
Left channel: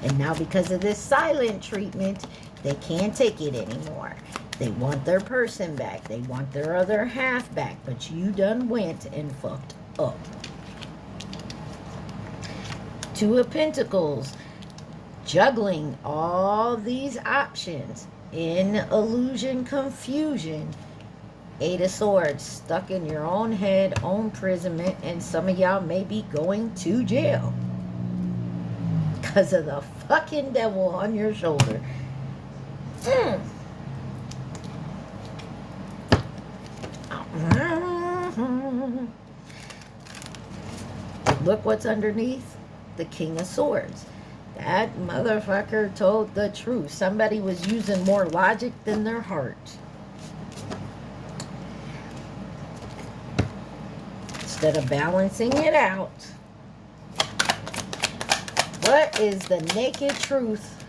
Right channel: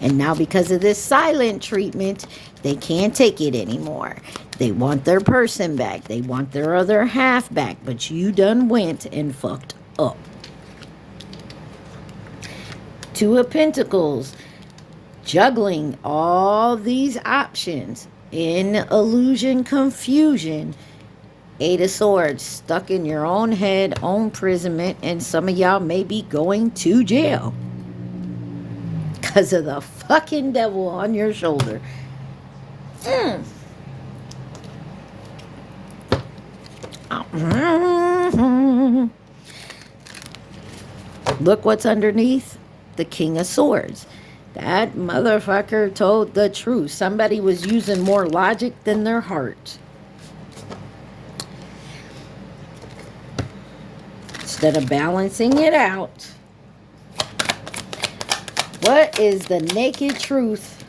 And now because of this silent treatment, they can't take it anymore. They want their person back. They want their other half back. But you done went and fucked up. 2 of Pentacles. Juggling all these options in illusion, confusion. 8 of Swords, stuck in your own head, own imprisonment, and some of y'all may be going to jail because of the fucking devil on your shoulder. Look what's underneath. The King of Swords. That motherfucker told the truth. Somebody was using more logic than their heart. Instead of balancing it out. What is the naked truth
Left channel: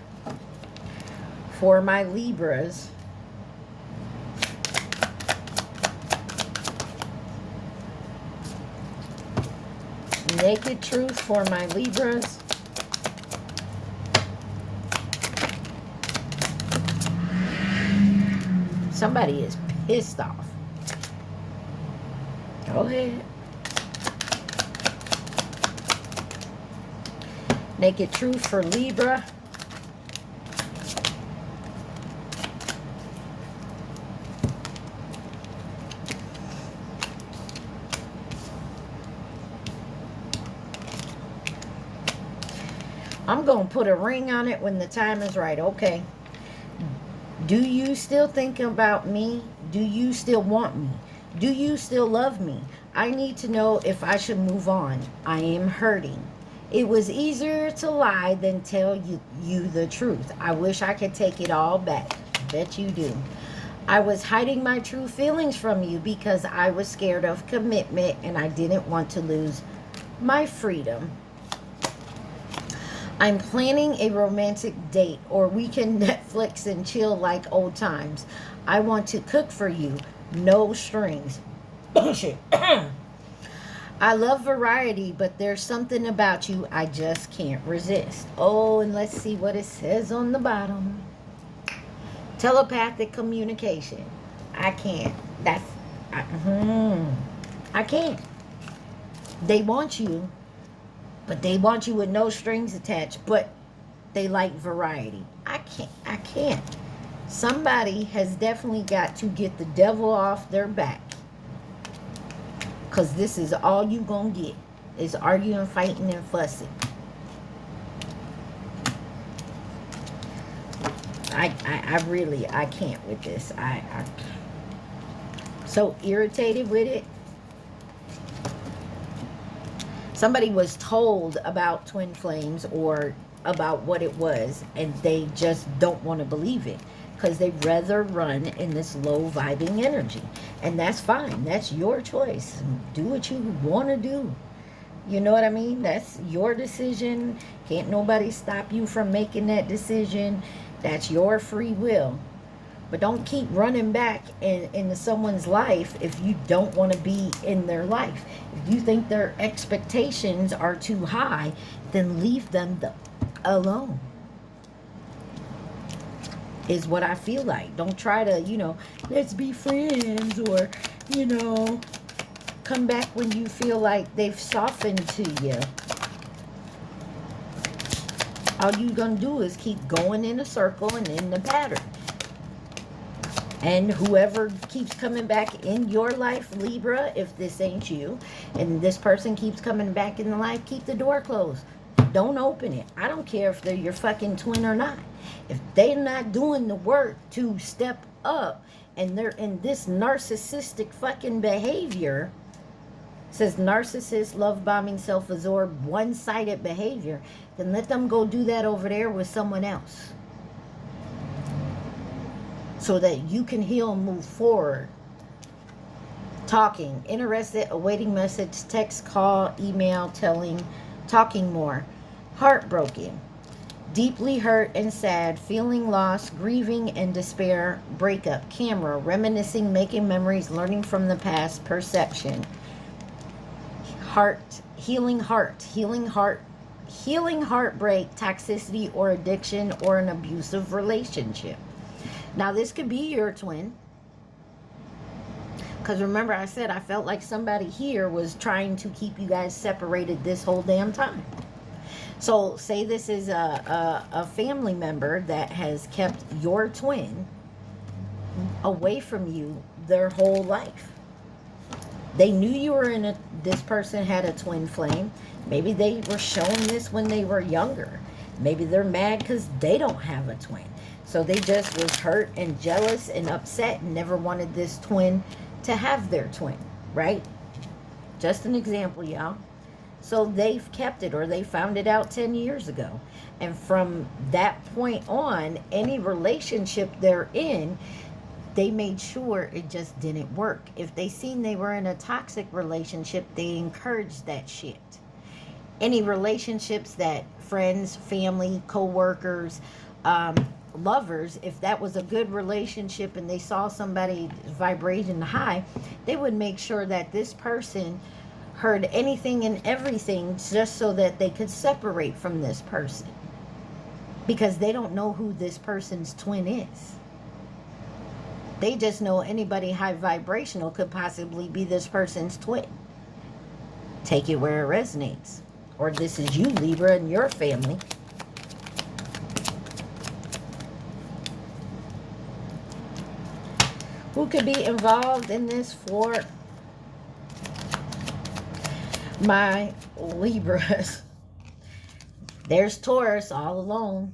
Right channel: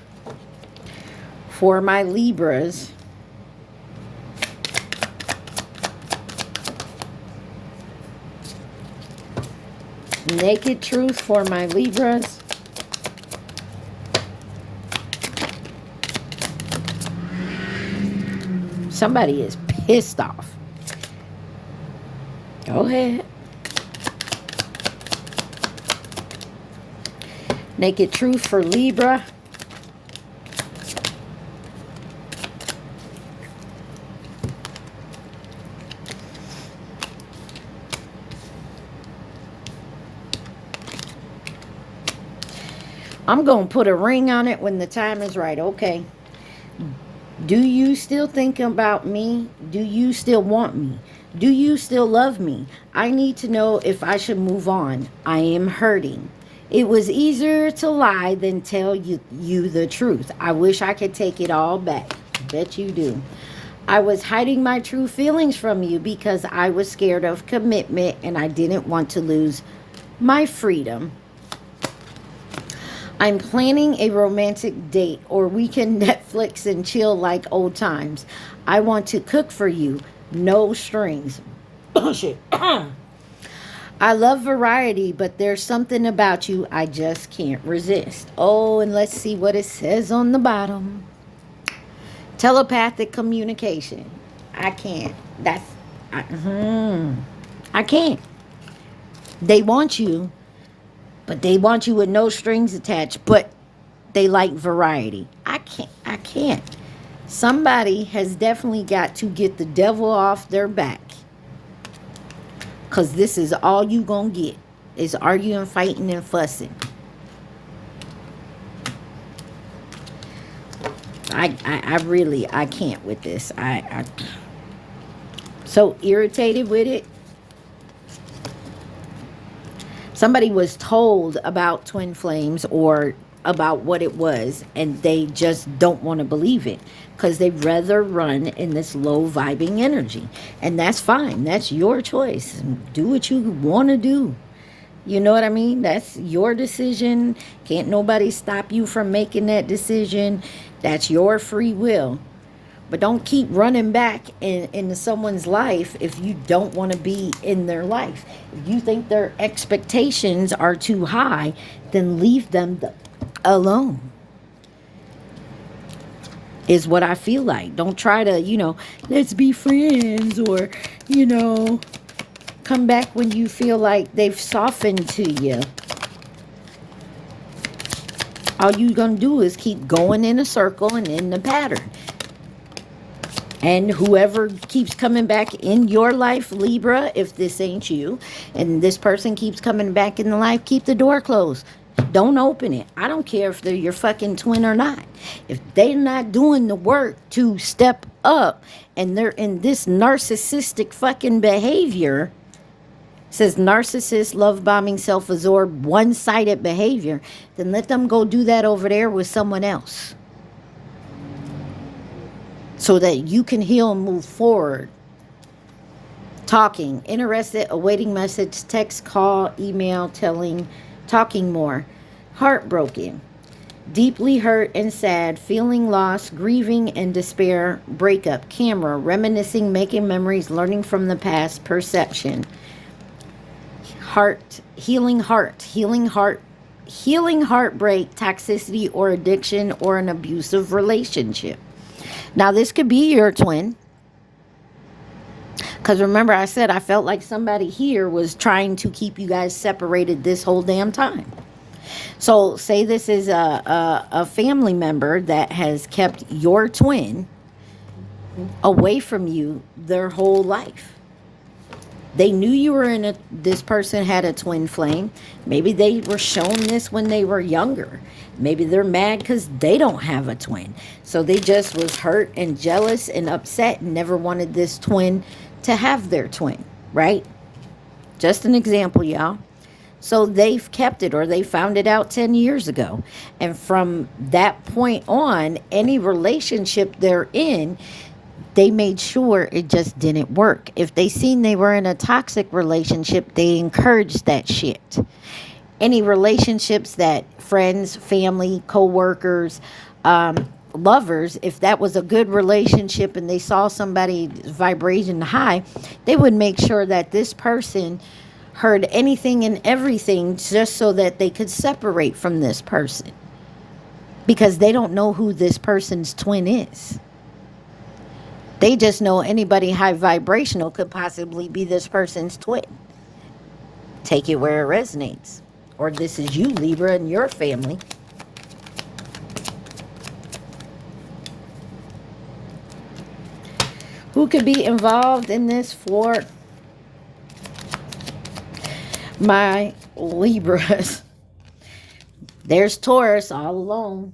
for my Libras? Naked truth for my Libras. Somebody is pissed off. Go ahead. Naked truth for Libra. I'm going to put a ring on it when the time is right. Okay. Do you still think about me? Do you still want me? Do you still love me? I need to know if I should move on. I am hurting. It was easier to lie than tell you the truth. I wish I could take it all back. Bet you do. I was hiding my true feelings from you because I was scared of commitment and I didn't want to lose my freedom. I'm planning a romantic date, or we can Netflix and chill like old times. I want to cook for you. No strings. Bullshit. I love variety, but there's something about you I just can't resist. Oh, and let's see what it says on the bottom. Telepathic communication. I can't. I can't. They want you. But they want you with no strings attached. But they like variety. I can't. Somebody has definitely got to get the devil off their back. Because this is all you gonna get. Is arguing, fighting, and fussing. I really can't with this. I so irritated with it. Somebody was told about twin flames or about what it was, and they just don't want to believe it because they'd rather run in this low vibing energy. And that's fine. That's your choice. Do what you want to do. You know what I mean? That's your decision. Can't nobody stop you from making that decision. That's your free will. But don't keep running back into someone's life if you don't want to be in their life. If you think their expectations are too high, then leave them alone. Is what I feel like. Don't try to, let's be friends or, come back when you feel like they've softened to you. All you're going to do is keep going in a circle and in the pattern. And whoever keeps coming back in your life, Libra, if this ain't you, and this person keeps coming back in the life, keep the door closed. Don't open it. I don't care if they're your fucking twin or not. If they're not doing the work to step up and they're in this narcissistic fucking behavior, says narcissist, love bombing, self-absorbed, one-sided behavior, then let them go do that over there with someone else. So that you can heal and move forward. Talking, interested, awaiting message, text, call, email, talking more. Heartbroken, deeply hurt and sad, feeling lost, grieving and despair, breakup, camera, reminiscing, making memories, learning from the past, perception. Healing heartbreak, toxicity or addiction or an abusive relationship. Now, this could be your twin. Because remember, I said I felt like somebody here was trying to keep you guys separated this whole damn time. So, say this is a family member that has kept your twin away from you their whole life. They knew you were this person had a twin flame. Maybe they were shown this when they were younger. Maybe they're mad because they don't have a twin. So they just was hurt and jealous and upset and never wanted this twin to have their twin, right? Just an example, y'all. So they've kept it, or they found it out 10 years ago. And from that point on, any relationship they're in, they made sure it just didn't work. If they seen they were in a toxic relationship, they encouraged that shit. Any relationships that friends, family, co-workers, lovers, if that was a good relationship and they saw somebody's vibration high, they would make sure that this person heard anything and everything just so that they could separate from this person, because they don't know who this person's twin is. They just know anybody high vibrational could possibly be this person's twin. Take it where it resonates. Or this is you, Libra, and your family. Who could be involved in this for my Libras? There's Taurus all alone.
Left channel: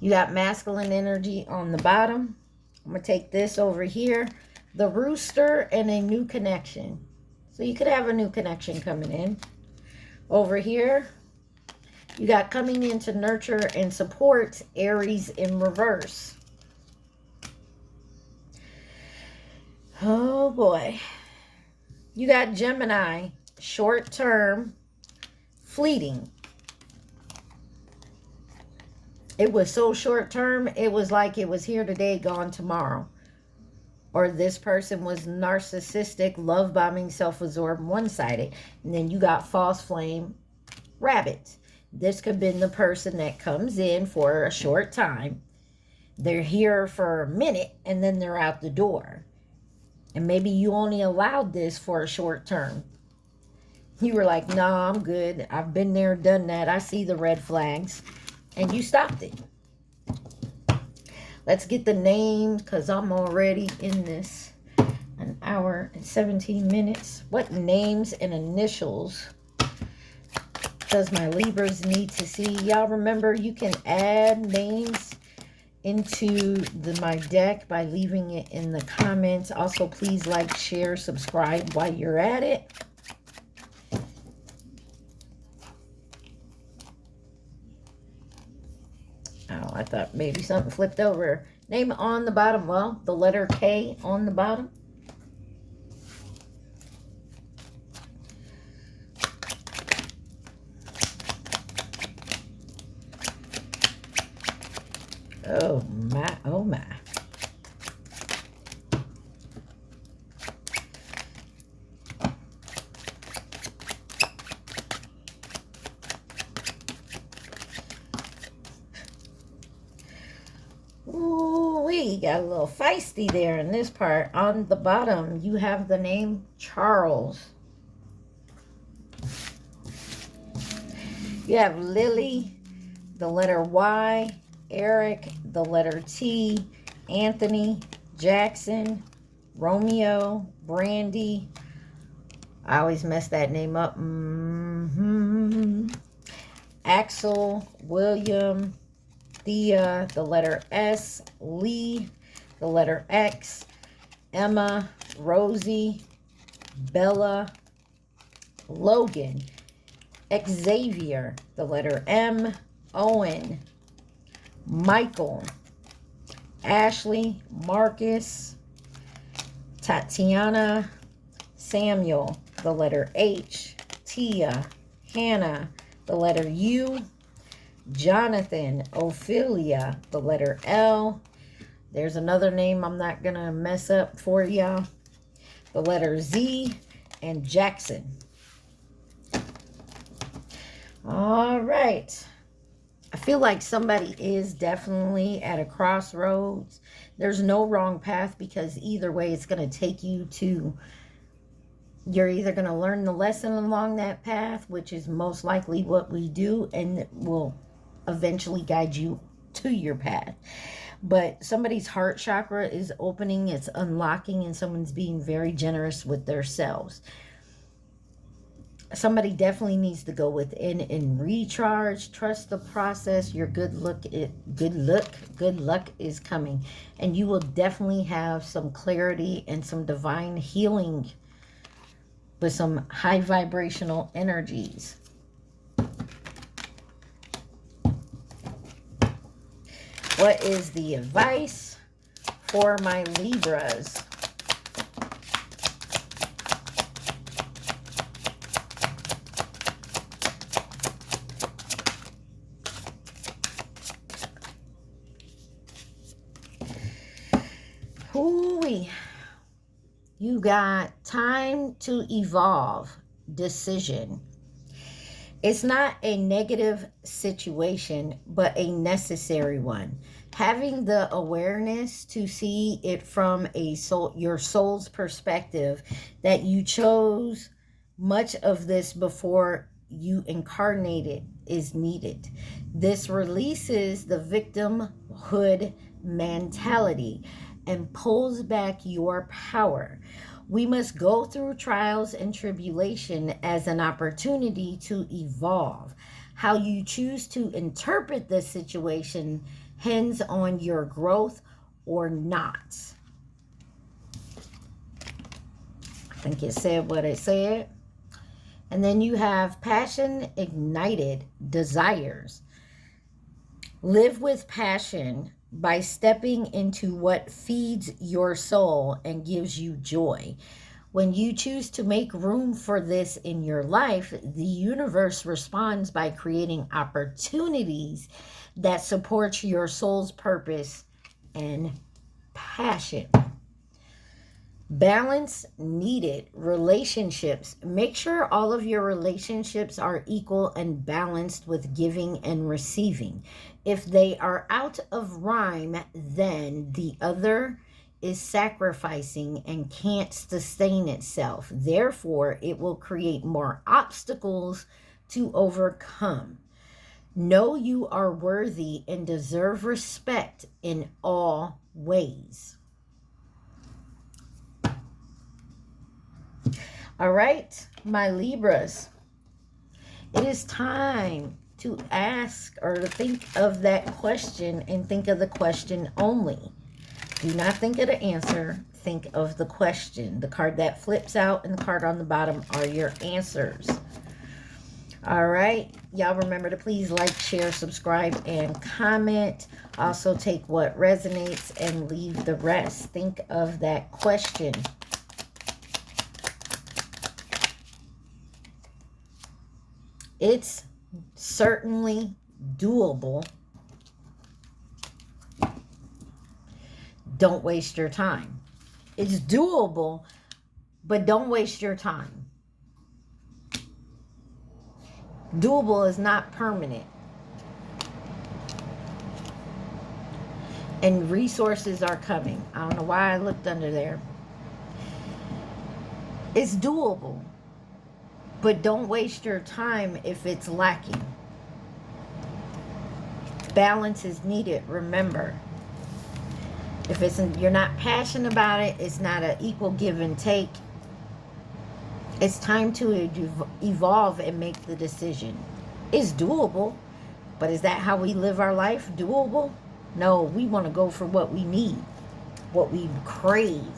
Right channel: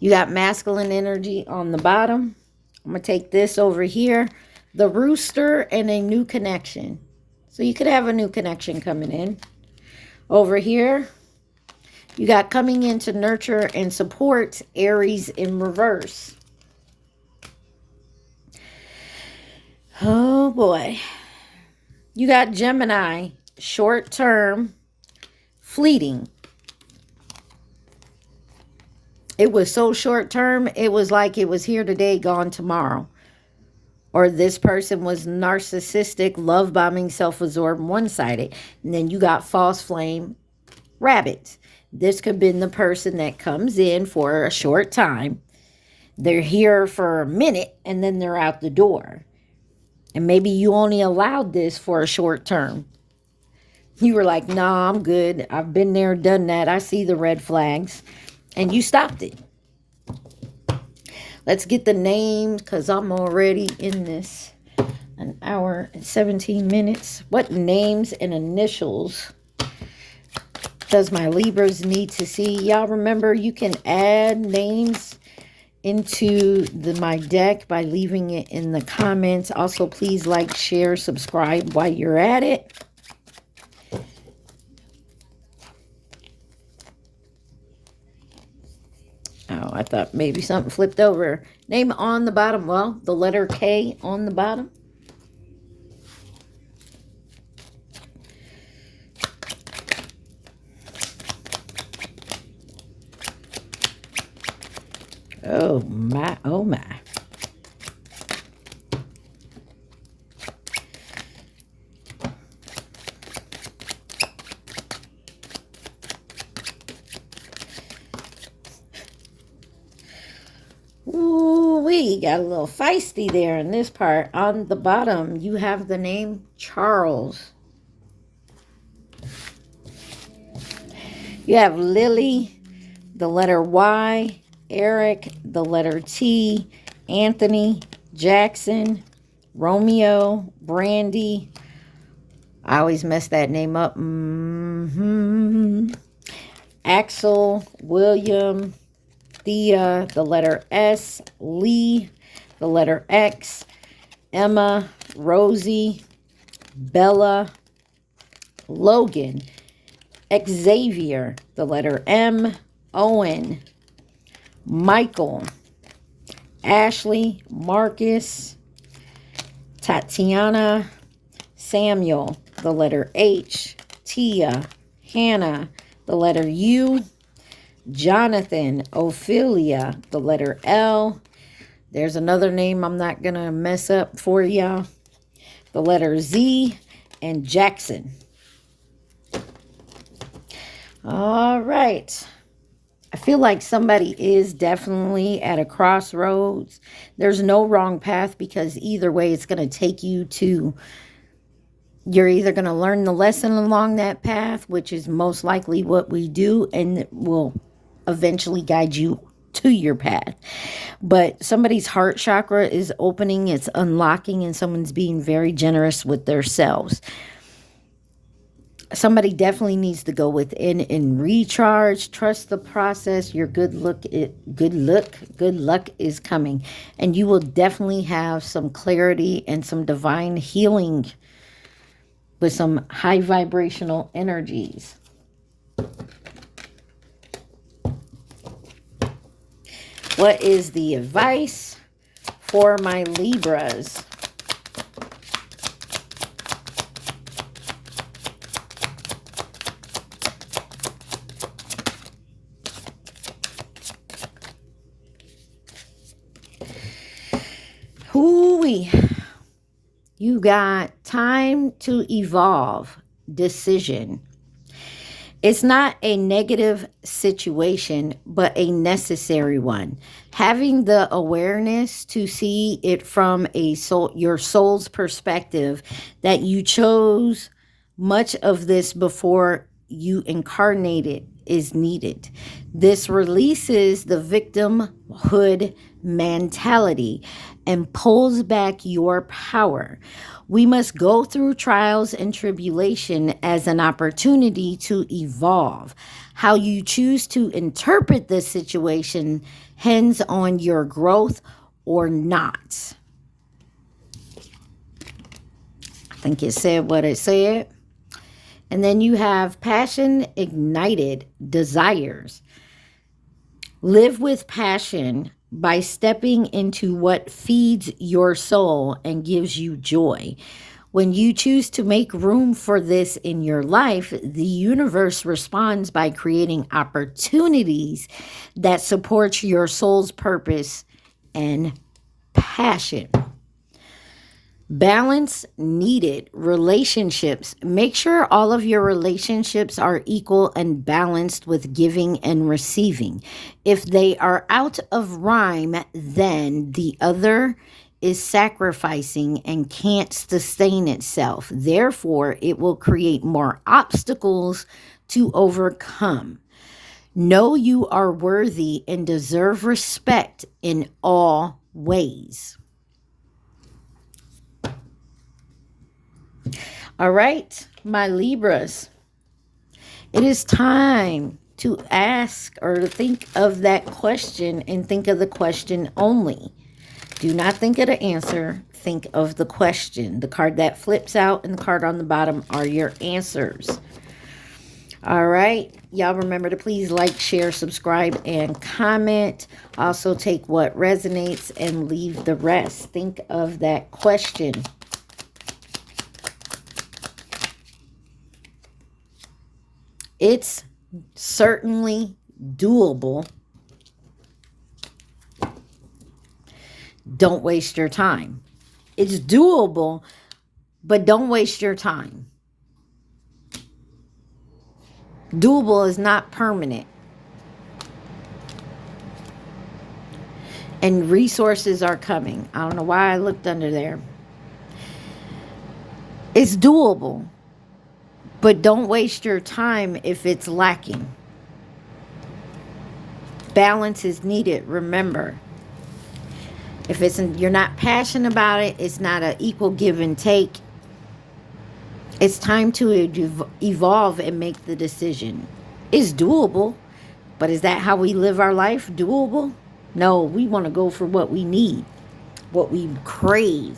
You got masculine energy on the bottom. I'm going to take this over here. The rooster and a new connection. So you could have a new connection coming in. Over here, you got coming in to nurture and support, Aries in reverse. Oh boy. You got Gemini, short term, fleeting. It was so short term, it was like it was here today, gone tomorrow. Or this person was narcissistic, love bombing, self-absorbed, one-sided. And then you got false flame, rabbits. This could have been the person that comes in for a short time. They're here for a minute and then they're out the door. And maybe you only allowed this for a short term. You were like, no, I'm good. I've been there, done that. I see the red flags. And you stopped it. Let's get the names, because I'm already in this an hour and 17 minutes. What names and initials does my Libras need to see? Y'all remember you can add names into my deck by leaving it in the comments. Also, please like, share, subscribe while you're at it. Oh, I thought maybe something flipped over. Name on the bottom. Well, the letter K on the bottom. Oh my, oh my. Ooh, we got a little feisty there in this part. On the bottom, you have the name Charles. You have Lily, the letter Y, Eric, the letter T, Anthony, Jackson, Romeo, Brandy. I always mess that name up. Axel, William, Thea, the letter S, Lee, the letter X, Emma, Rosie, Bella, Logan, Xavier, the letter M, Owen, Michael, Ashley, Marcus, Tatiana, Samuel, the letter H, Tia, Hannah, the letter U, Jonathan, Ophelia, the letter L. There's another name I'm not going to mess up for y'all. The letter Z, and Jackson. All right. I feel like somebody is definitely at a crossroads. There's no wrong path, because either way it's going to take you to, you're either going to learn the lesson along that path, which is most likely what we do, and it will eventually guide you to your path. But somebody's heart chakra is opening, it's unlocking, and someone's being very generous with themselves. Somebody definitely needs to go within and recharge. Trust the process. Your good luck is coming, and you will definitely have some clarity and some divine healing with some high vibrational energies. What is the advice for my Libras? Hoo-wee. You got time to evolve. Decision. It's not a negative situation, but a necessary one. Having the awareness to see it from your soul's perspective, that you chose much of this before you incarnated, is needed. This releases the victimhood mentality and pulls back your power. We must go through trials and tribulation as an opportunity to evolve. How you choose to interpret this situation hangs on your growth or not. I think it said what it said. And then you have passion ignited desires. Live with passion by stepping into what feeds your soul and gives you joy. When you choose to make room for this in your life, the universe responds by creating opportunities that support your soul's purpose and passion. Balance needed. Relationships. Make sure all of your relationships are equal and balanced with giving and receiving. If they are out of rhyme, then the other is sacrificing and can't sustain itself. Therefore, it will create more obstacles to overcome. Know you are worthy and deserve respect in all ways. All right, my Libras, it is time to ask or to think of that question, and think of the question only. Do not think of the answer. Think of the question. The card that flips out and the card on the bottom are your answers. All right. Y'all remember to please like, share, subscribe, and comment. Also take what resonates and leave the rest. Think of that question. It's certainly doable. Don't waste your time. It's doable, but don't waste your time. Doable is not permanent. And resources are coming. I don't know why I looked under there. It's doable. But don't waste your time if it's lacking. Balance is needed, remember. If you're not passionate about it, it's not an equal give and take. It's time to evolve and make the decision. It's doable, but is that how we live our life? Doable? No, we want to go for what we need, what we crave.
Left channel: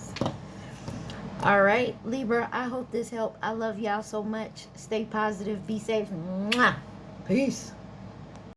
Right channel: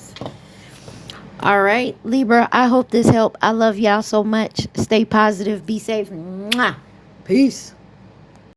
All right, Libra, I hope this helped. I love y'all so much. Stay positive. Be safe. Mwah. Peace.